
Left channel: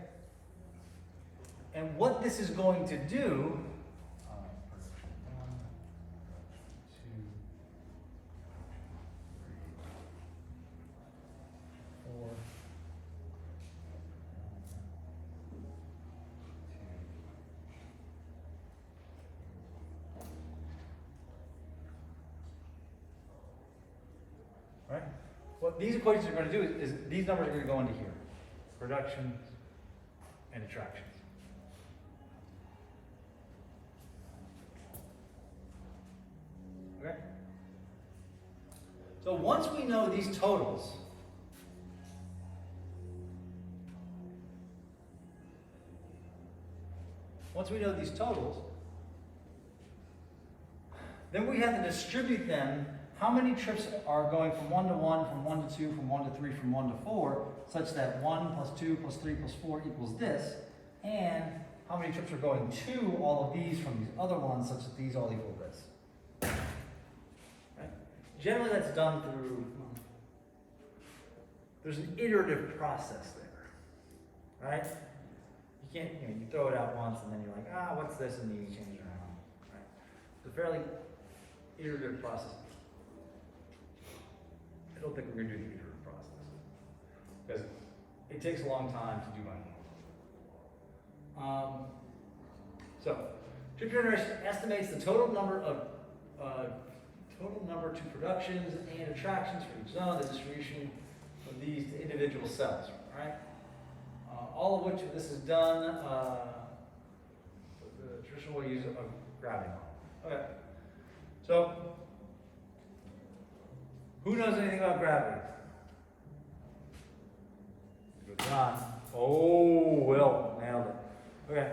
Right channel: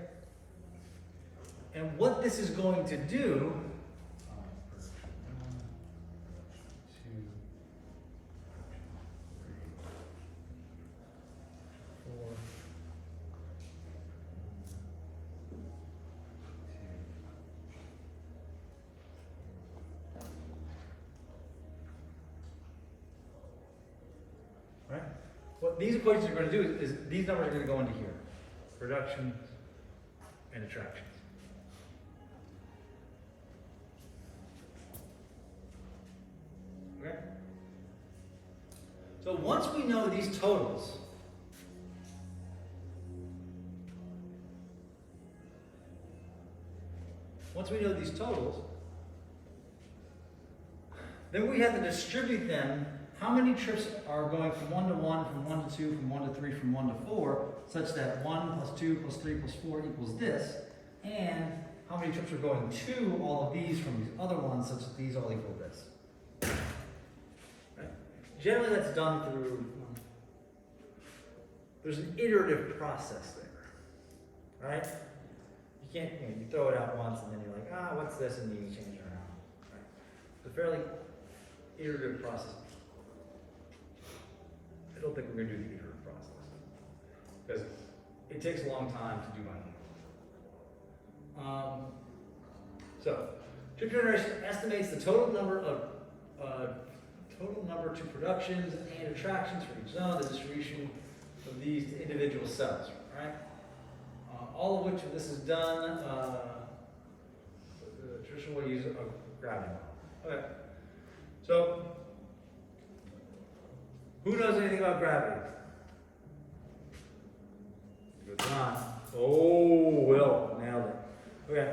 And what this is going to do, production 1, 2, 3, 4. Right? What these equations are going to do is these numbers are going to go into here. Productions and attractions. Okay? So once we know these totals, then we have to distribute them. How many trips are going from 1 to 1, from 1 to 2, from 1 to 3, from 1 to 4, such that 1 plus 2 plus 3 plus 4 equals this, and how many trips are going to all of these from these other ones, such that these all equal this. Right? Generally that's done through, there's an iterative process there, right? You can't, you throw it out once and then you're like, what's this, and you change it around, right? It's a fairly iterative process. I don't think we're going to do the iterative process because it takes a long time to do manually. So, trip generation estimates the total number to productions and attractions for each zone. The distribution of these to individual cells, right? All of which of this is done with the traditional way to use a gravity model. Okay. So, who knows anything about gravity? John. Oh, Will, nailed it. Okay.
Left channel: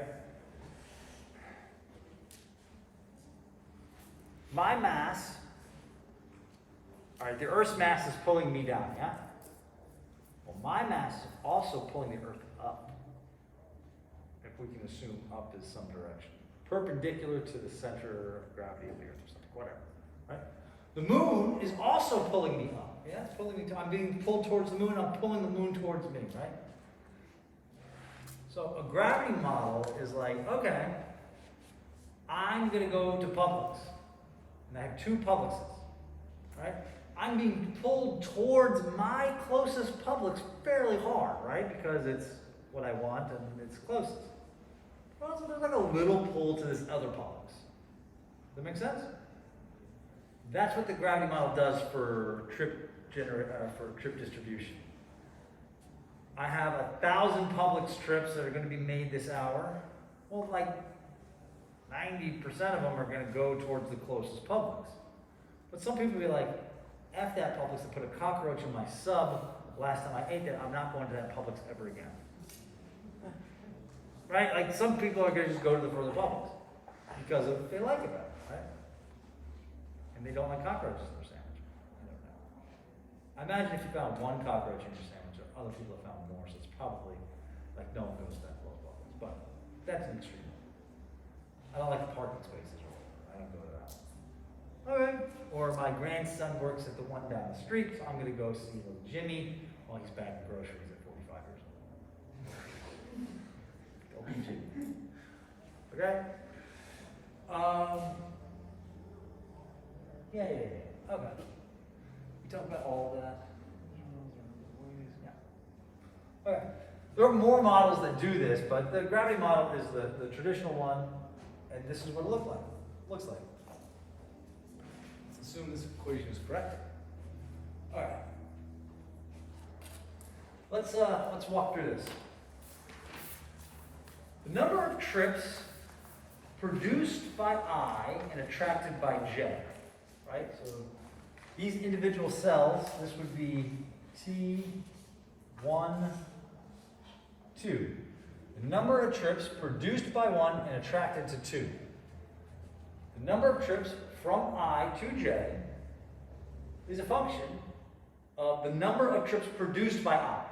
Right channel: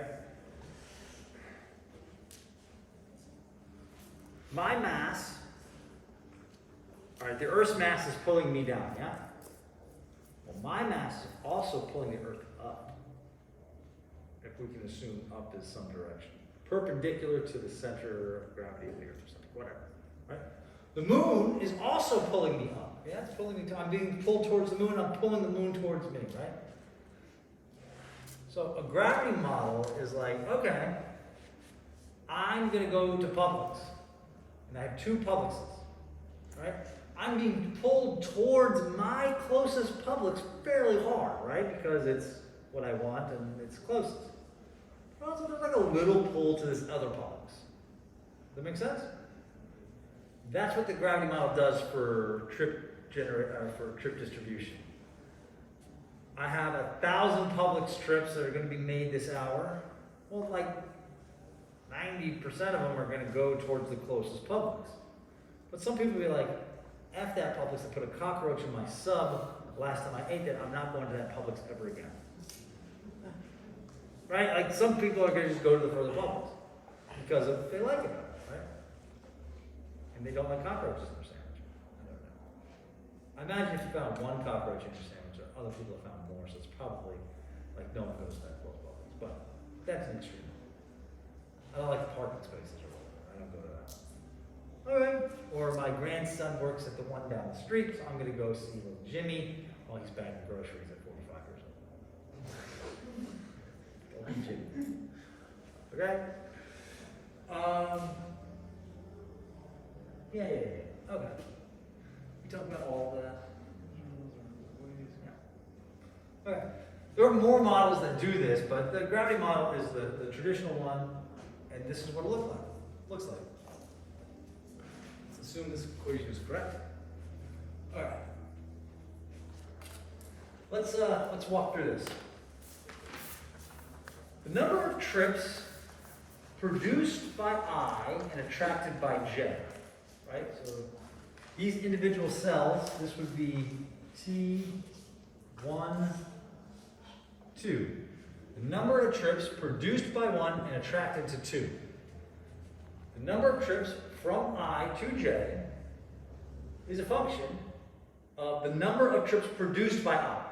My mass, all right, the Earth's mass is pulling me down, yeah? Well, my mass is also pulling the Earth up, if we can assume up is some direction, perpendicular to the center of gravity of the Earth or something, whatever, right? The moon is also pulling me up, yeah? It's pulling me, I'm being pulled towards the moon, I'm pulling the moon towards me, right? So a gravity model is like, okay, I'm gonna go to Publix, and I have two Publixes, right? I'm being pulled towards my closest Publix fairly hard, right? Because it's what I want and it's closest. But also there's like a little pull to this other Publix. Does that make sense? That's what the gravity model does for trip distribution. I have 1,000 Publix trips that are going to be made this hour. Well, like 90% of them are going to go towards the closest Publix. But some people will be like, F that Publix, to put a cockroach in my sub. Last time I ate that, I'm not going to that Publix ever again. Right? Like some people are going to just go to the further Publix because of they like it better, right? And they don't like cockroaches in their sandwich. I don't know. I imagine if you found one cockroach in your sandwich, or other people have found more, so it's probably like no one goes to that close Publix. But that's an extreme. I don't like parking spaces or whatever. I don't go to that one. Okay. Or my grandson works at the one down the street, so I'm going to go see little Jimmy while he's bagging groceries at 45 years old. Go be Jimmy. Okay? Yeah. Okay. We talked about all of that. Yeah. Okay. There are more models that do this, but the gravity model is the traditional one, and this is what it looks like. Let's assume this equation is correct. All right. Let's walk through this. The number of trips produced by I and attracted by J, right? So these individual cells, this would be T1, 2. The number of trips produced by 1 and attracted to 2. The number of trips from I to J is a function of the number of trips produced by I.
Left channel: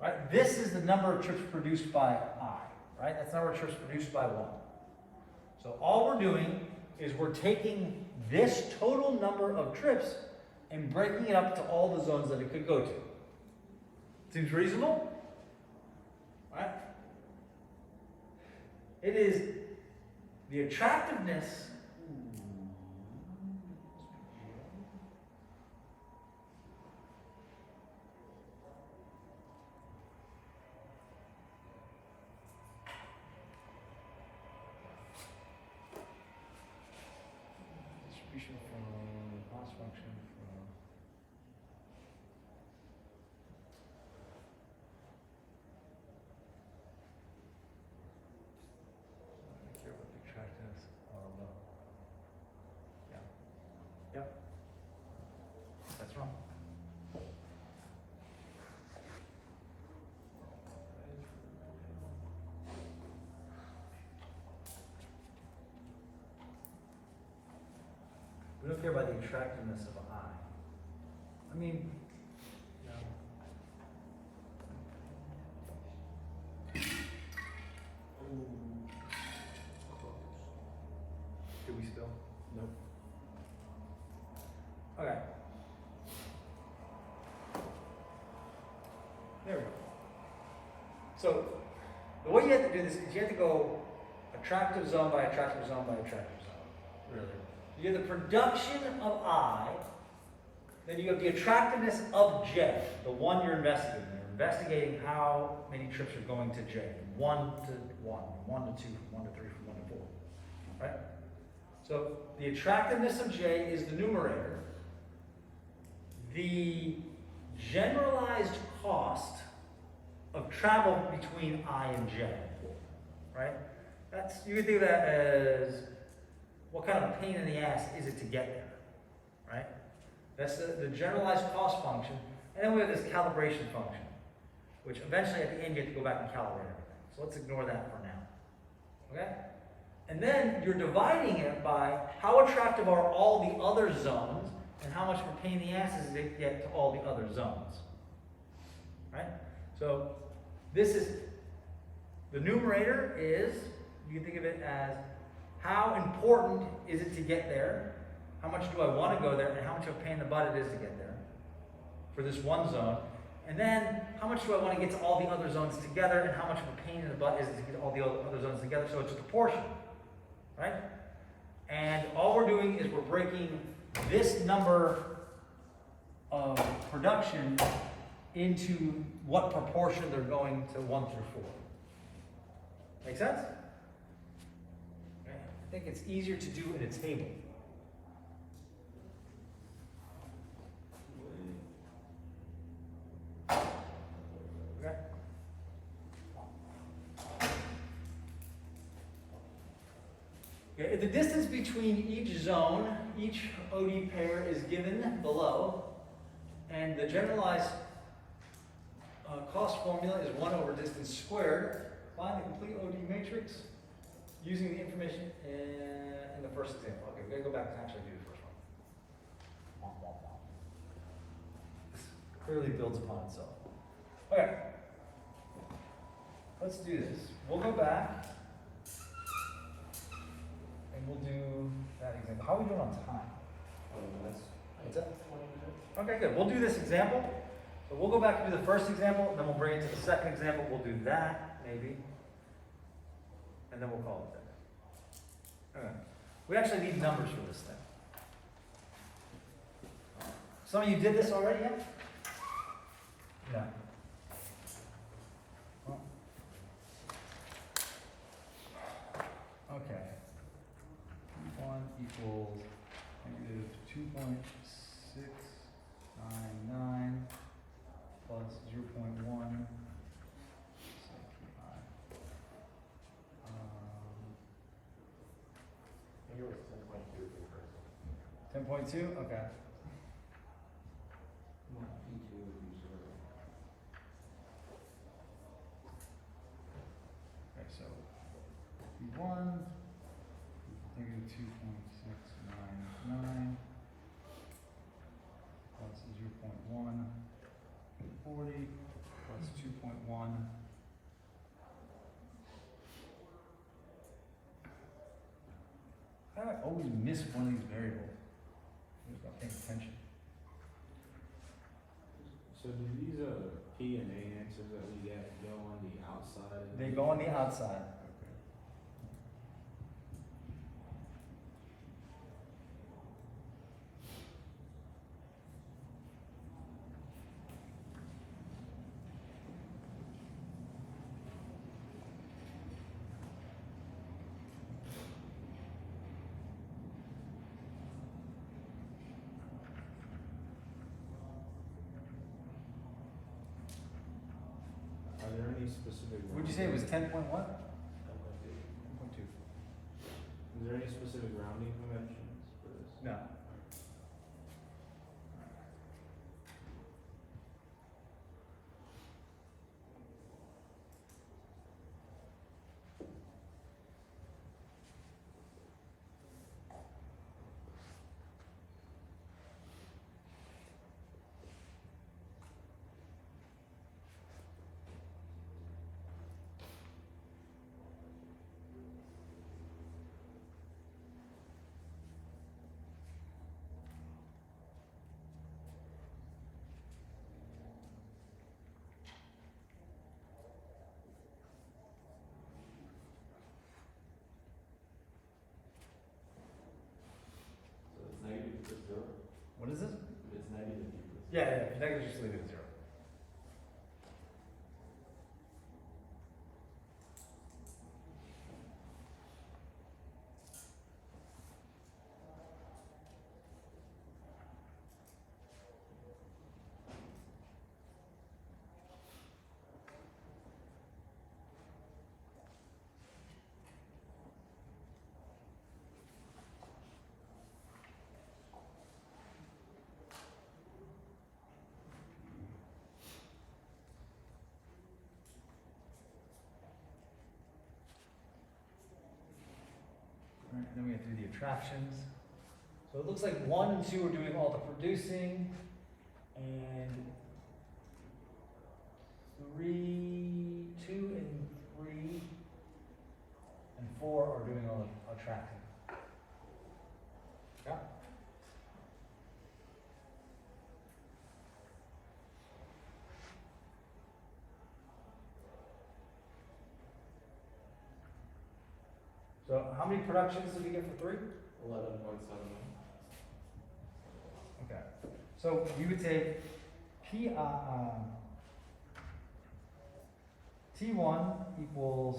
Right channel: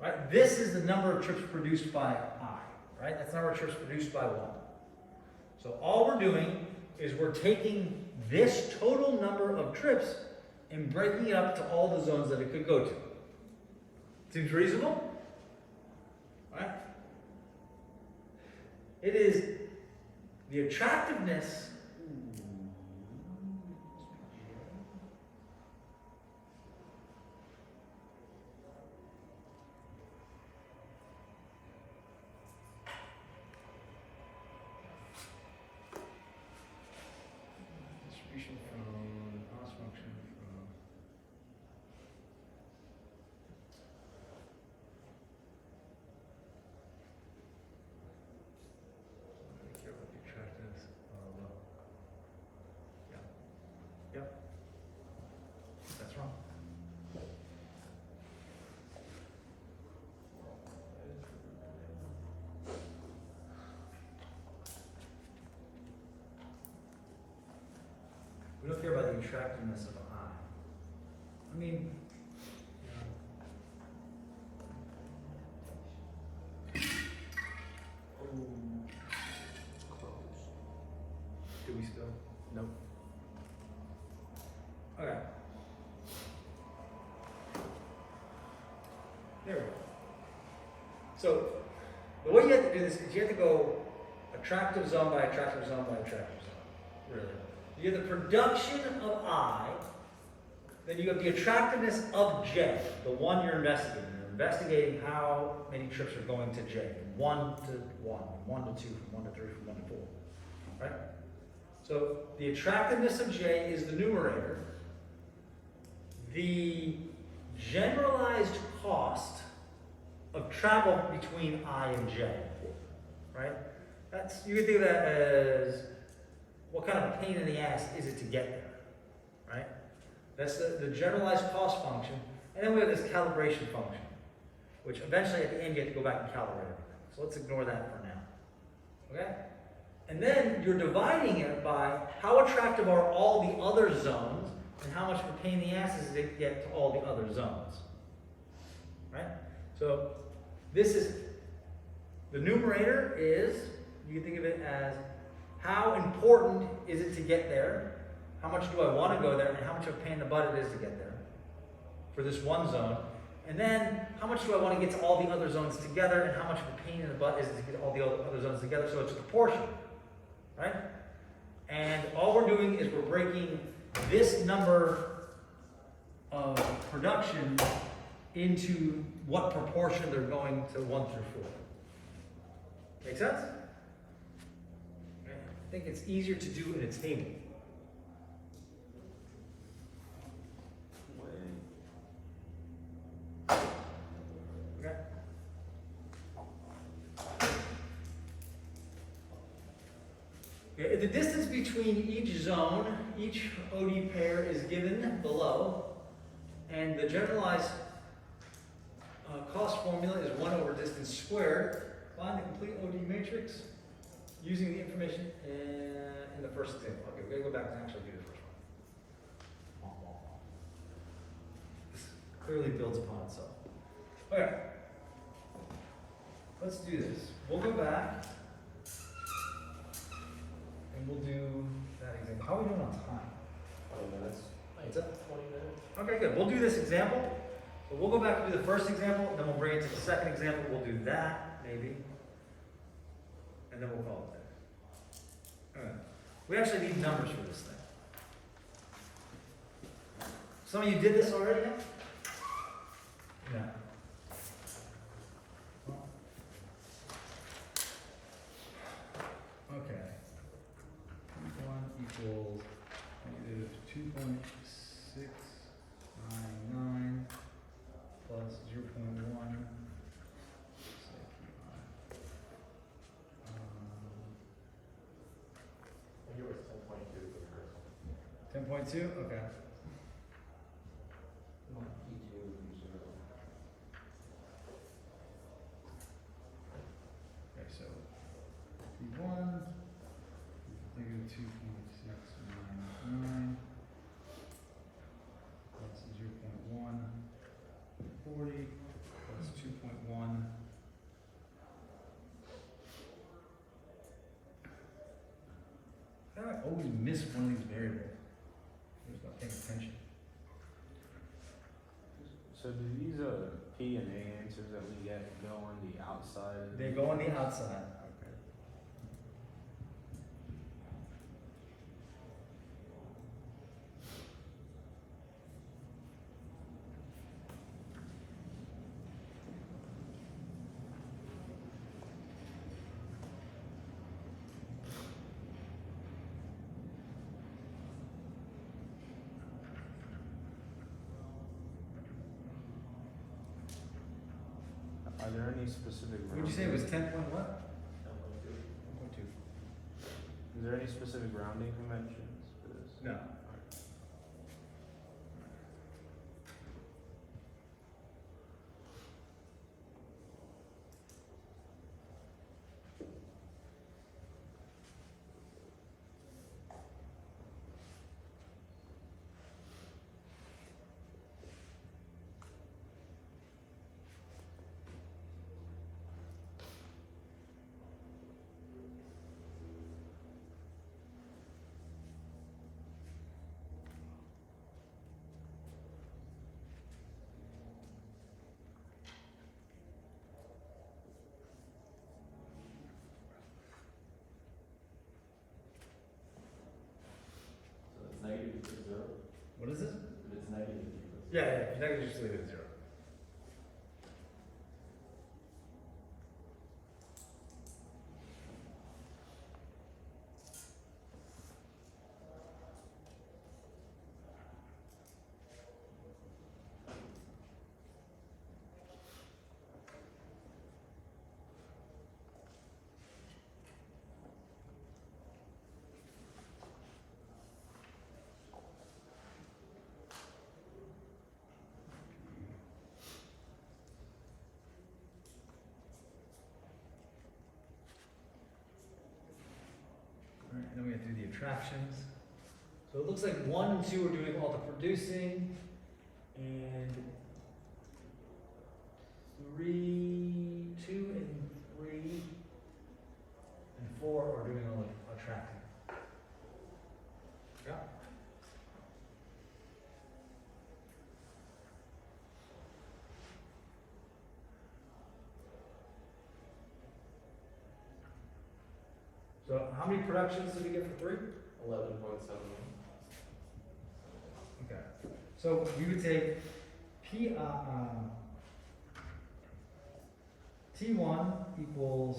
Right? This is the number of trips produced by I. Right? That's the number of trips produced by 1. So all we're doing is we're taking this total number of trips and breaking it up to all the zones that it could go to. Seems reasonable? Right? It is the attractiveness. Distribution from cost function from. Yep. That's wrong. We don't care about the attractiveness of I. I mean, do we still? Nope. Okay. There we go. So, the way you have to do this is you have to go attractive zone by attractive zone by attractive zone. Really. You have the production of I, then you have the attractiveness of J, the one you're investigating. You're investigating how many trips are going to J, from 1 to 1, from 1 to 2, from 1 to 3, from 1 to 4. Right? So the attractiveness of J is the numerator. The generalized cost of travel between I and J, right? That's, you can think of that as what kind of a pain in the ass is it to get there, right? That's the generalized cost function. And then we have this calibration function, which eventually at the end you have to go back and calibrate everything. So let's ignore that for now, okay? And then you're dividing it by how attractive are all the other zones and how much of a pain in the ass is it to get to all the other zones, right? So this is, the numerator is, you can think of it as how important is it to get there, how much do I want to go there, and how much of a pain in the butt it is to get there for this one zone. And then how much do I want to get to all the other zones together, and how much of a pain in the butt is it to get all the other zones together, so it's a proportion, right? And all we're doing is we're breaking this number of production into what proportion they're going to 1 through 4. Make sense? Okay. I think it's easier to do in a table. Okay. Okay, the distance between each zone, each OD pair is given below, and the generalized cost formula is 1 over distance squared. Find the complete OD matrix using the information in the first example. Okay, we're going to go back and actually do the first one. This clearly builds upon itself. Okay, let's do this. We'll go back and we'll do that example. How are we doing on time? What's that? Okay, good. We'll do this example. So we'll go back and do the first example, then we'll bring it to the second example. We'll do that, maybe. And then we'll call it there. Okay. We actually need numbers for this thing. Some of you did this already, yeah? No. Well. Okay. P1 equals negative 2.699 plus 0.1. I think it was 10.2 for the first one. 10.2? Okay. P2 would be 0. Okay, so P1, negative 2.699 plus 0.1, 40 plus 2.1. How do I always miss one of these variables? I'm just not paying attention. So do these P and A answers that we get go on the outside? They go on the outside. Okay. Are there any specific? Would you say it was 10 point what? 10.2. 10.2. Is there any specific rounding conventions for this? No. So it's negative equals 0. What is this? If it's negative equals 0. Yeah, yeah, negative, just leave it at 0. attractions. So it looks like 1 and 2 are doing all the producing, and 2 and 3 and 4 are doing all the attracting. Yeah. So how many productions did we get for 3? 11.7. Okay. So we would say T1 equals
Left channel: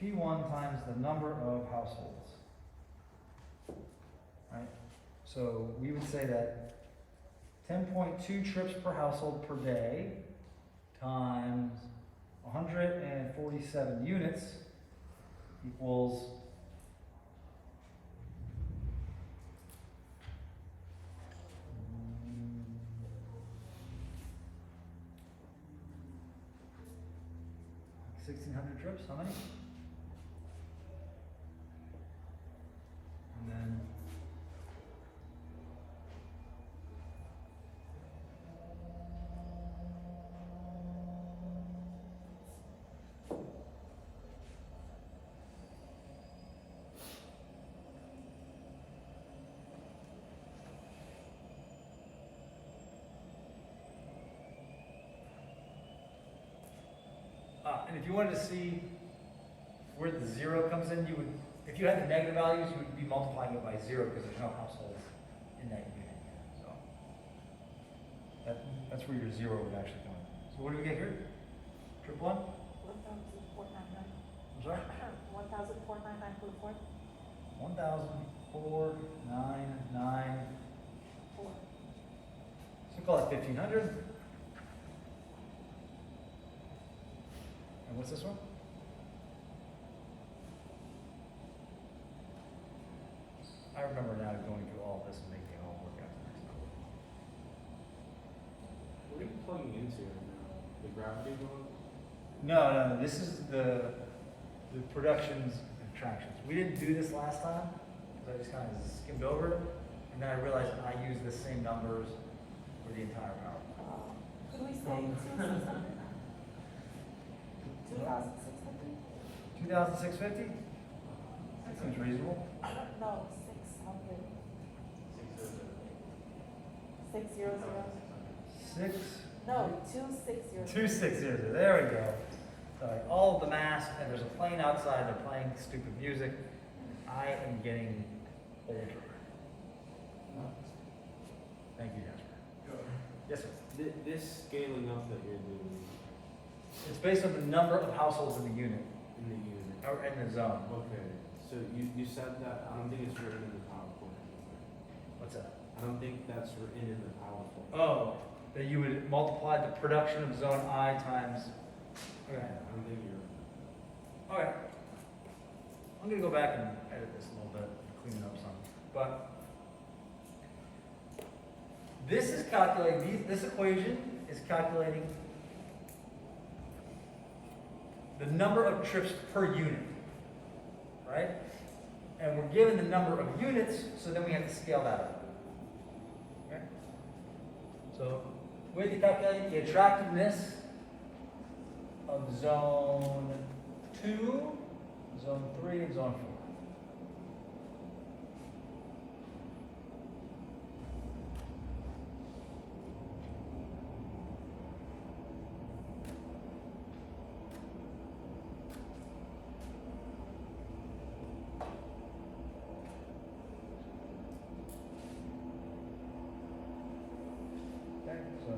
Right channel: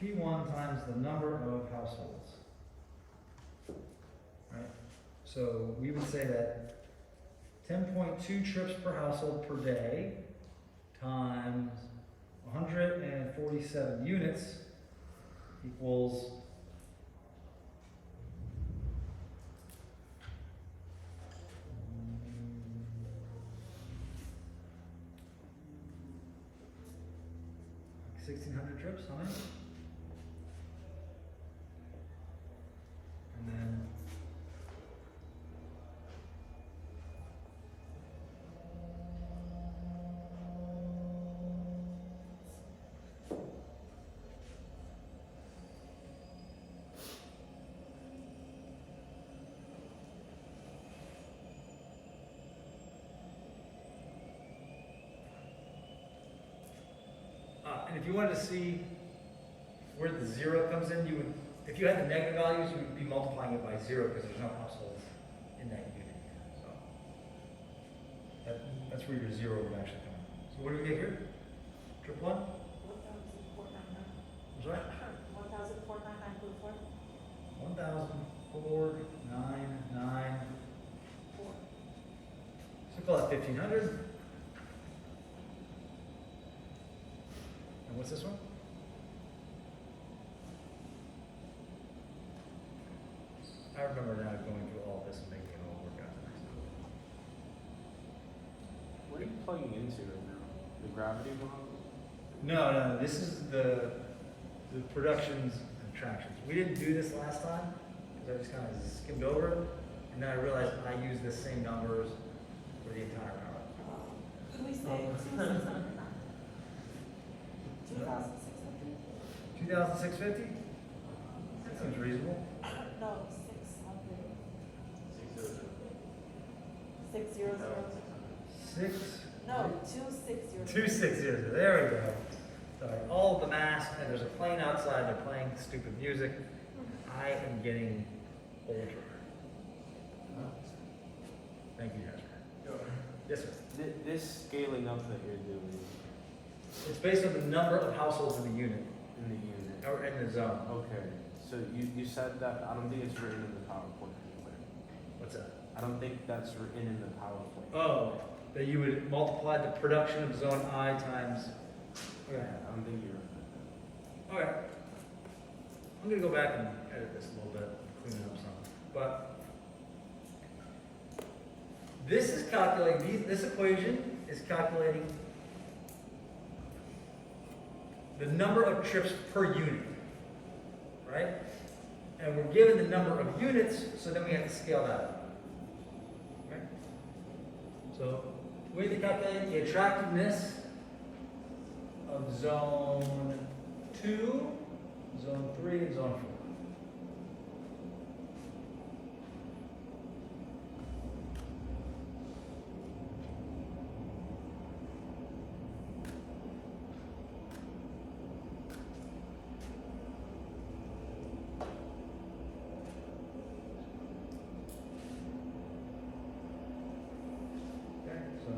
P1 times the number of households. Right? So we would say that 10.2 trips per household per day times 147 units equals 1,600 trips, how many? And then and if you wanted to see where the 0 comes in, you would, if you had the negative values, you would be multiplying it by 0 because there's no households in that unit. So that's where your 0 would actually come in. So what do we get here? Trip 1? 1,499. I'm sorry? 1,499.4. 1,499. So call it 1,500. And what's this one? I remember now going through all this and making it all work out the next number. What are you plugging into right now? The gravity one? No, this is the productions and attractions. We didn't do this last time because I just kind of skimmed over it, and then I realized I used the same numbers for the entire power. Could we say 2,600? 2,600? 2,650? That seems reasonable. No, 600. 600. 6. No, 2,600. 2,600. There we go. Sorry, all of the masks, and there's a plane outside. They're playing stupid music. I am getting older. Thank you, guys. Yes, sir. This scaling up that you're doing It's based on the number of households in the unit, in the unit. or in the zone. Okay, so you said that, I don't think it's written in the PowerPoint anyway. What's that? I don't think that's written in the PowerPoint. Oh, that you would multiply the production of zone I times. Yeah, Okay. I don't think you're. Okay. I'm gonna go back and edit this a little bit, clean it up some. But this is calculating, this equation is calculating the number of trips per unit, right? And we're given the number of units, so then we have to scale that up. Okay? So we have to calculate the attractiveness of zone 2, zone 3, and zone 4. Okay, so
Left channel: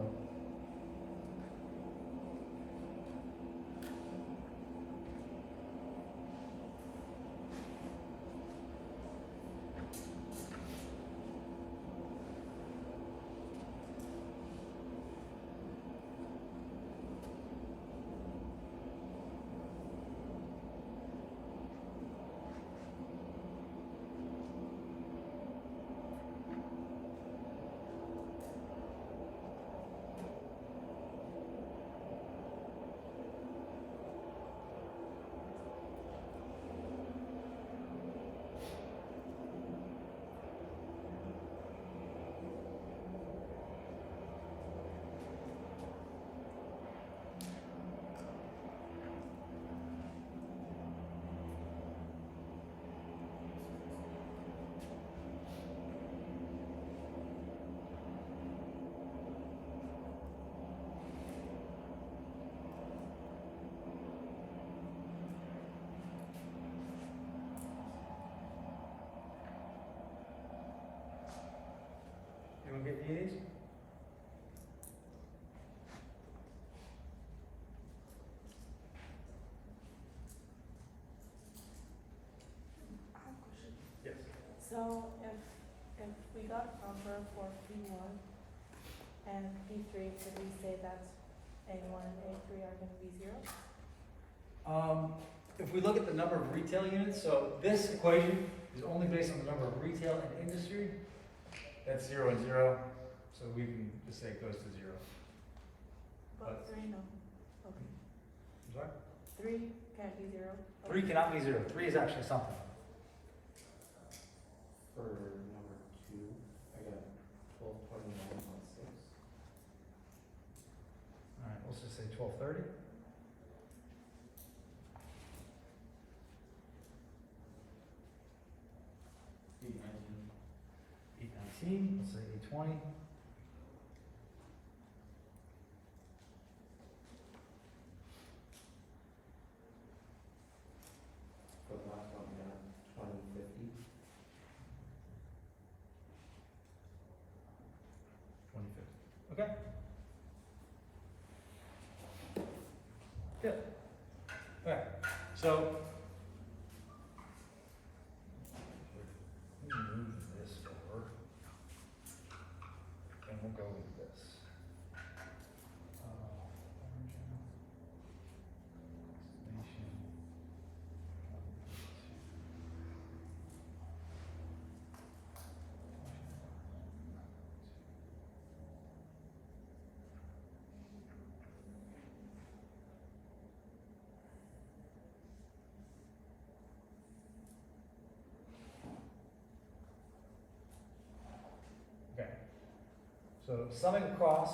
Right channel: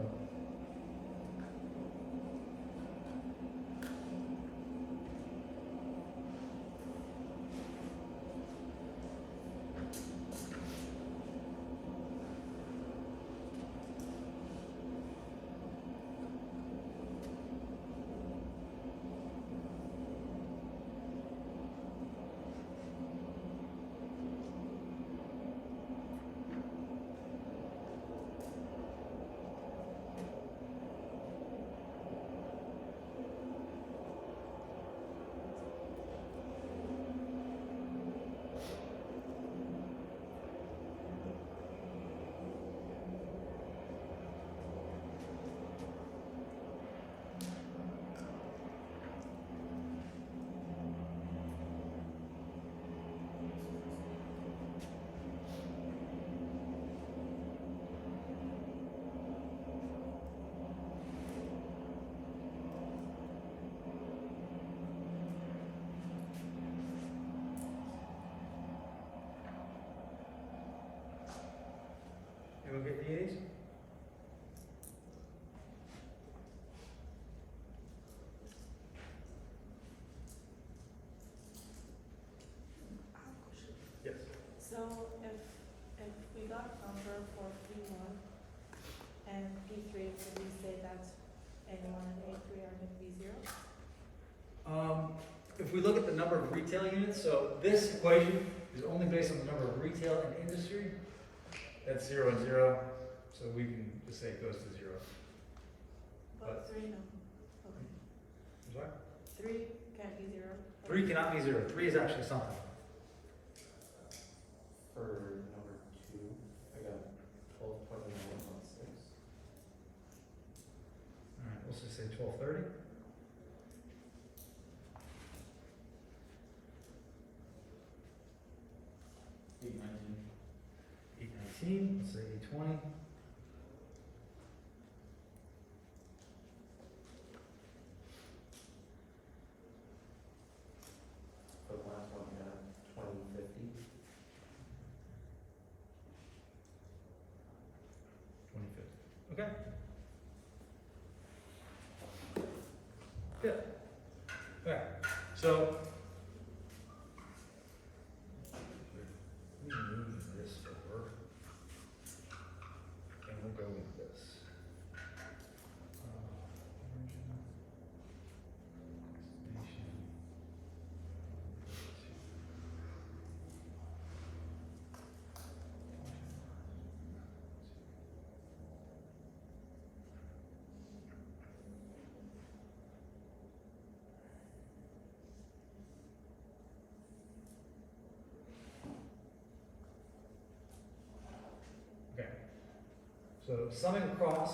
You wanna get the 80s? Yes. So if we got a number for P1 and P3, could we say that A1 and A3 are gonna be zero? If we look at the number of retail units, so this equation is only based on the number of retail and industry. That's 0 and 0, so we can just say it goes to 0. But 3, no. Okay. I'm sorry? 3 can't be zero. 3 cannot be 0. 3 is actually something. For number two, I got 1229.6. Alright, let's just say 1230. $819. 819, let's say 820. For the last one, we got 2050. 2050. Okay. Good. Okay, so. Let me move this over. And we'll go with this. Origin, destination, Okay, so summing across,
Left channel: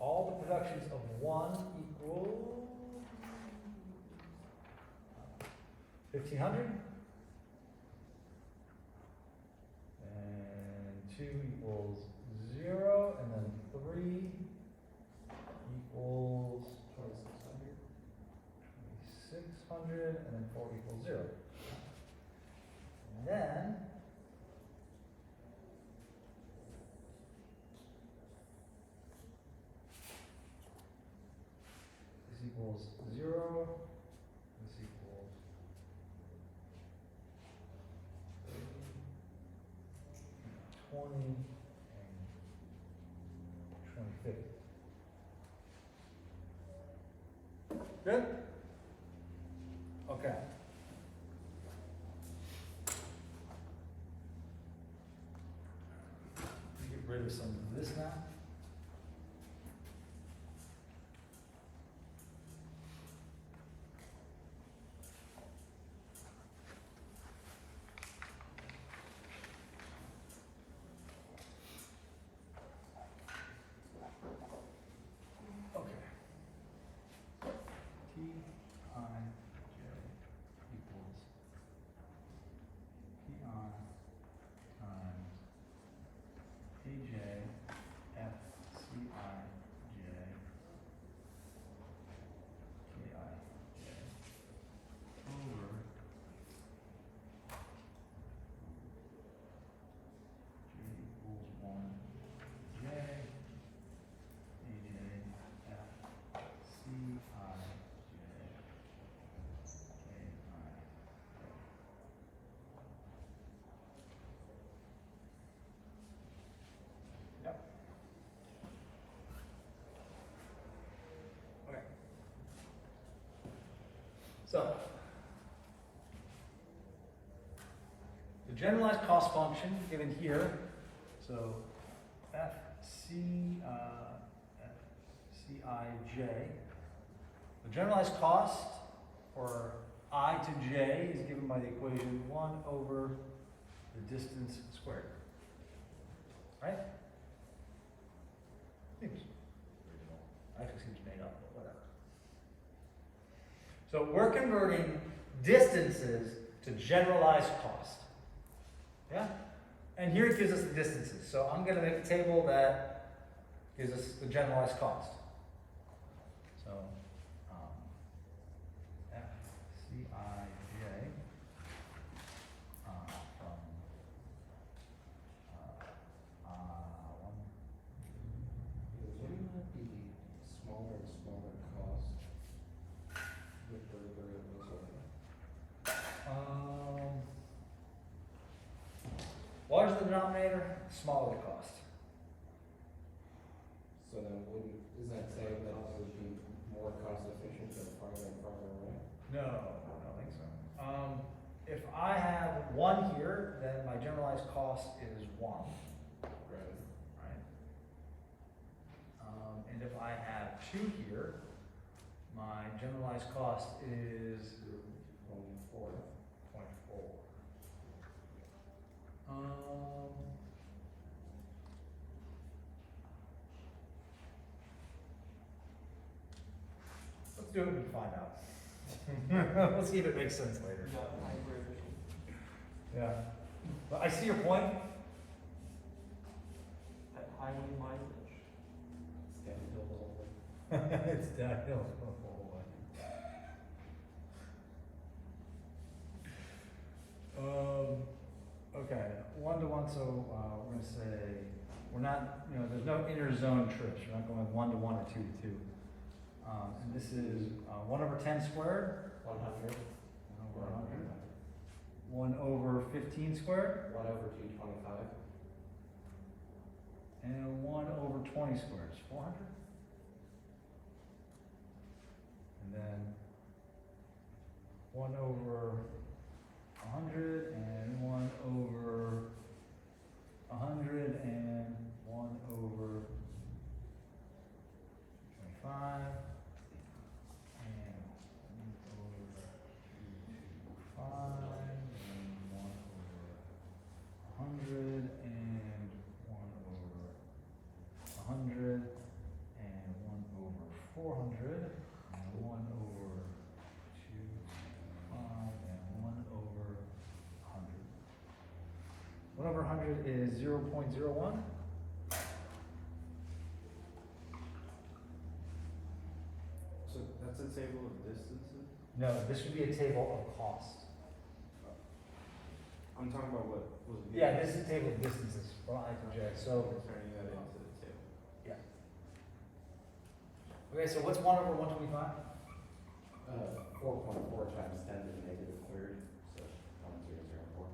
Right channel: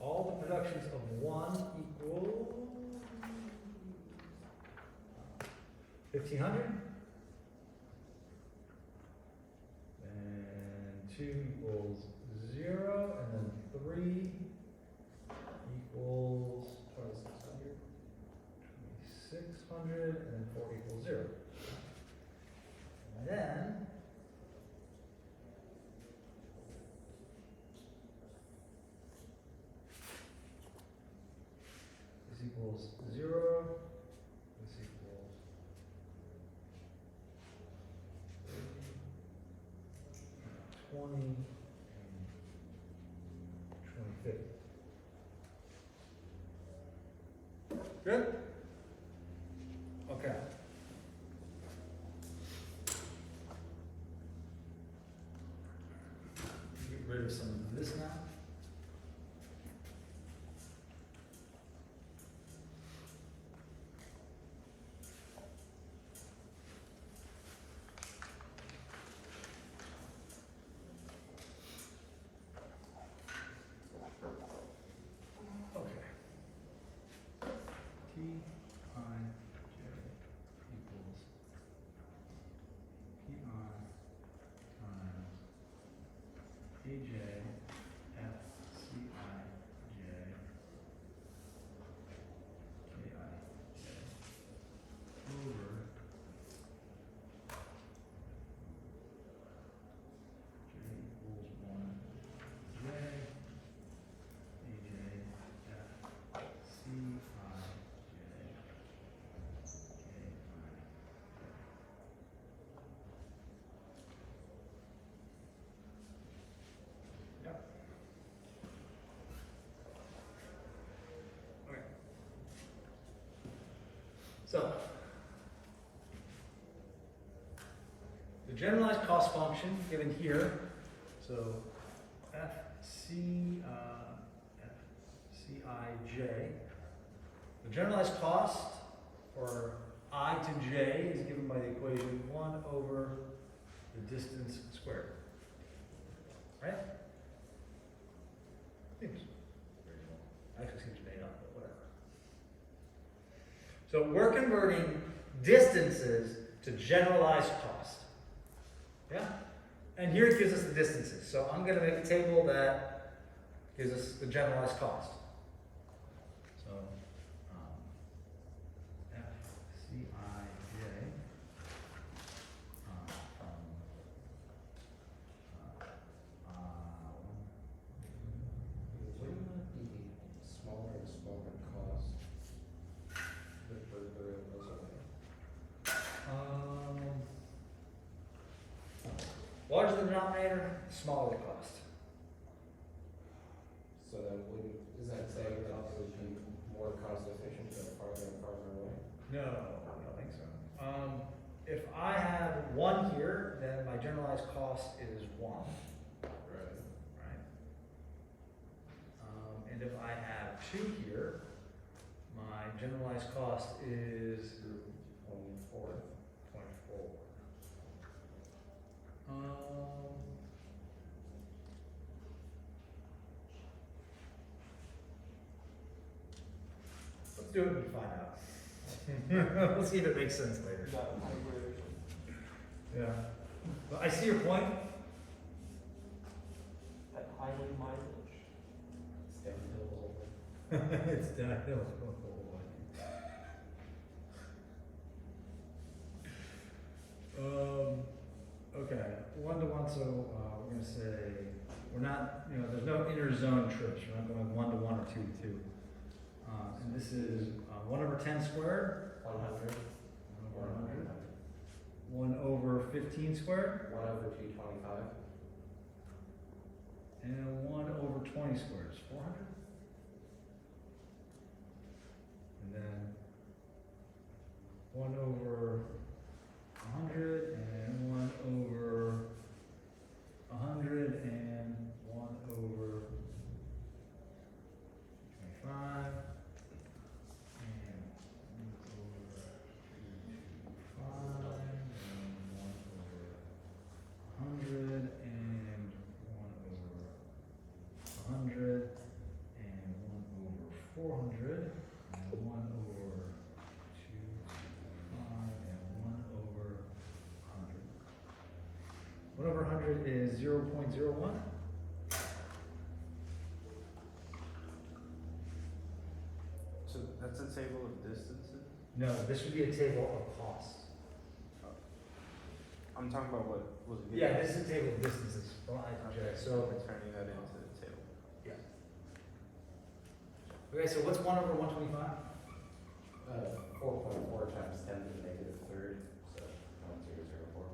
all the productions of 1 equals 1,500, and 2 equals 0, and then 3 equals 2600. 2,600, and then 4 equals 0. And then, this equals 0, this equals 20, and 2050. Good? Okay. Get rid of some of this now. Okay. T I J equals P I times P J F C I J K I J over J equals 1 J P J F C I J K I J. Yep. Okay. So, the generalized cost function given here, so FCIJ, the generalized cost for I to j is given by the equation 1 over the distance squared. Right? Seems original. Actually seems made up, but whatever. So we're converting distances to generalized cost. Yeah? And here it gives us the distances. So I'm going to make a table that gives us the generalized cost. So FCIJ from denominator, the smaller the cost. So then is that saying that it would be more cost efficient to go farther and farther away? No, I don't think so. If I have one here, then my generalized cost is one, Right. right? And if I have two here, my generalized cost is 24. 0.4. Let's do it and find out. Let's see if it makes sense later. Yeah. But I see your point. Highway mileage. It's downhill the whole thing. It's downhill the whole way. Okay, 1 to 1, so, we're gonna say, we're not, there's no inner zone trips, we're not going 1 to 1 or 2 to 2. And this is, 1 over 10 squared, 100. 1 over 100, 1 over 15 squared, 1 over 225. and 1 over 20 squared is 400. And then 1 over 100 and 1 over 100 and 1 over 25 and 1 over 225 and 1 over 100 and 1 over 100 and 1 over 400 and 1 over 225 and 1 over 100. 1 over 100 is 0.01. So that's a table of distances? No, this would be a table of costs. I'm talking about what was it? Yeah, this is a table of distances from I to J. So, Turning that into the table. okay, so what's 1 over 125? 4.4 times 10 to the negative third, so 1004.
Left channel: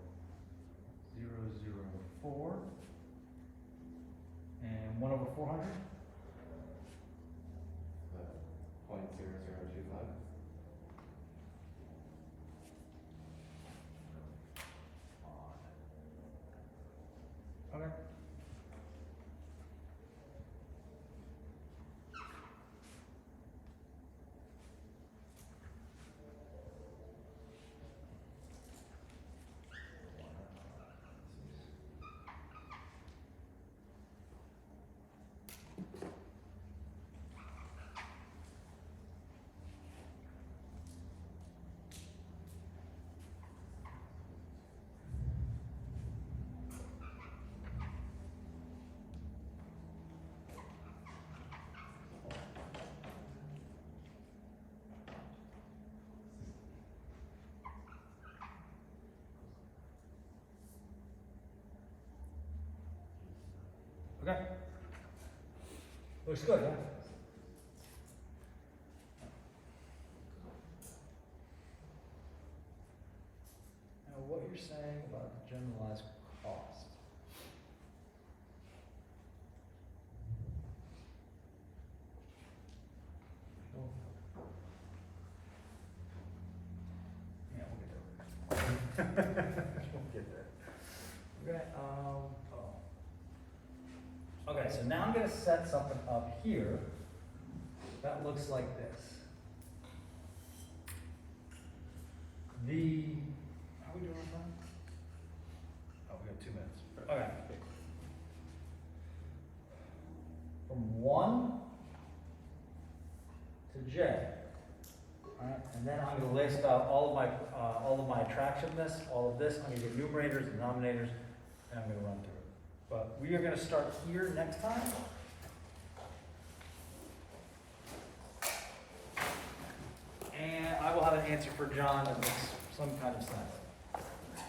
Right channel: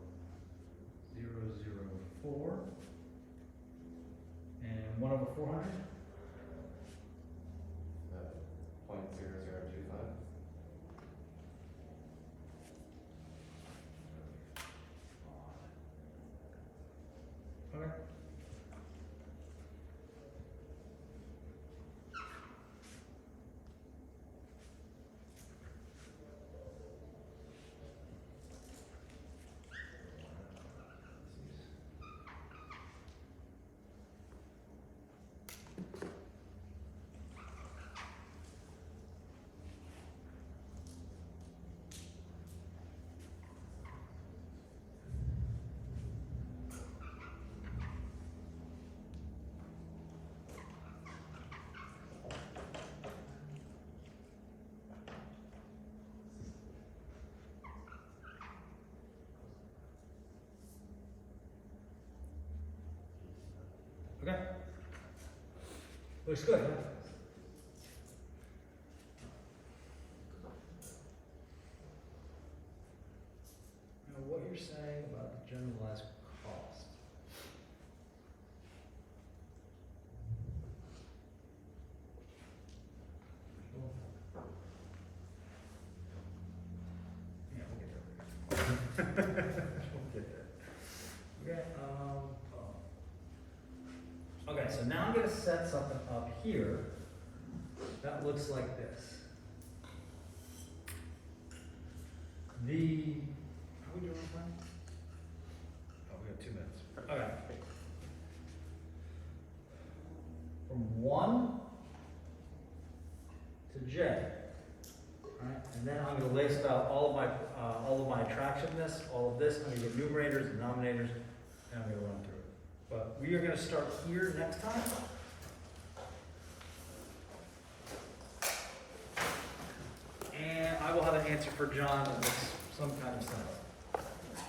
004. And 1 over 400? 0.0025. Okay. Okay. Looks good, huh? Now, what you're saying about the generalized cost. Yeah, we'll get there. We'll get there. Okay, okay, so now I'm gonna set something up here that looks like this. How we doing on time? Oh, we got 2 minutes. Okay. From 1 to J. Alright, and then I'm gonna list out all of my attractiveness, all of this, I'm gonna get numerators, denominators, and I'm gonna run through it. But we are gonna start here next time. And I will have an answer for John that makes some kind of sense.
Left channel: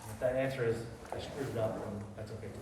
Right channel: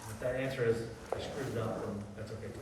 If that answer is, I screwed it up, then that's okay too.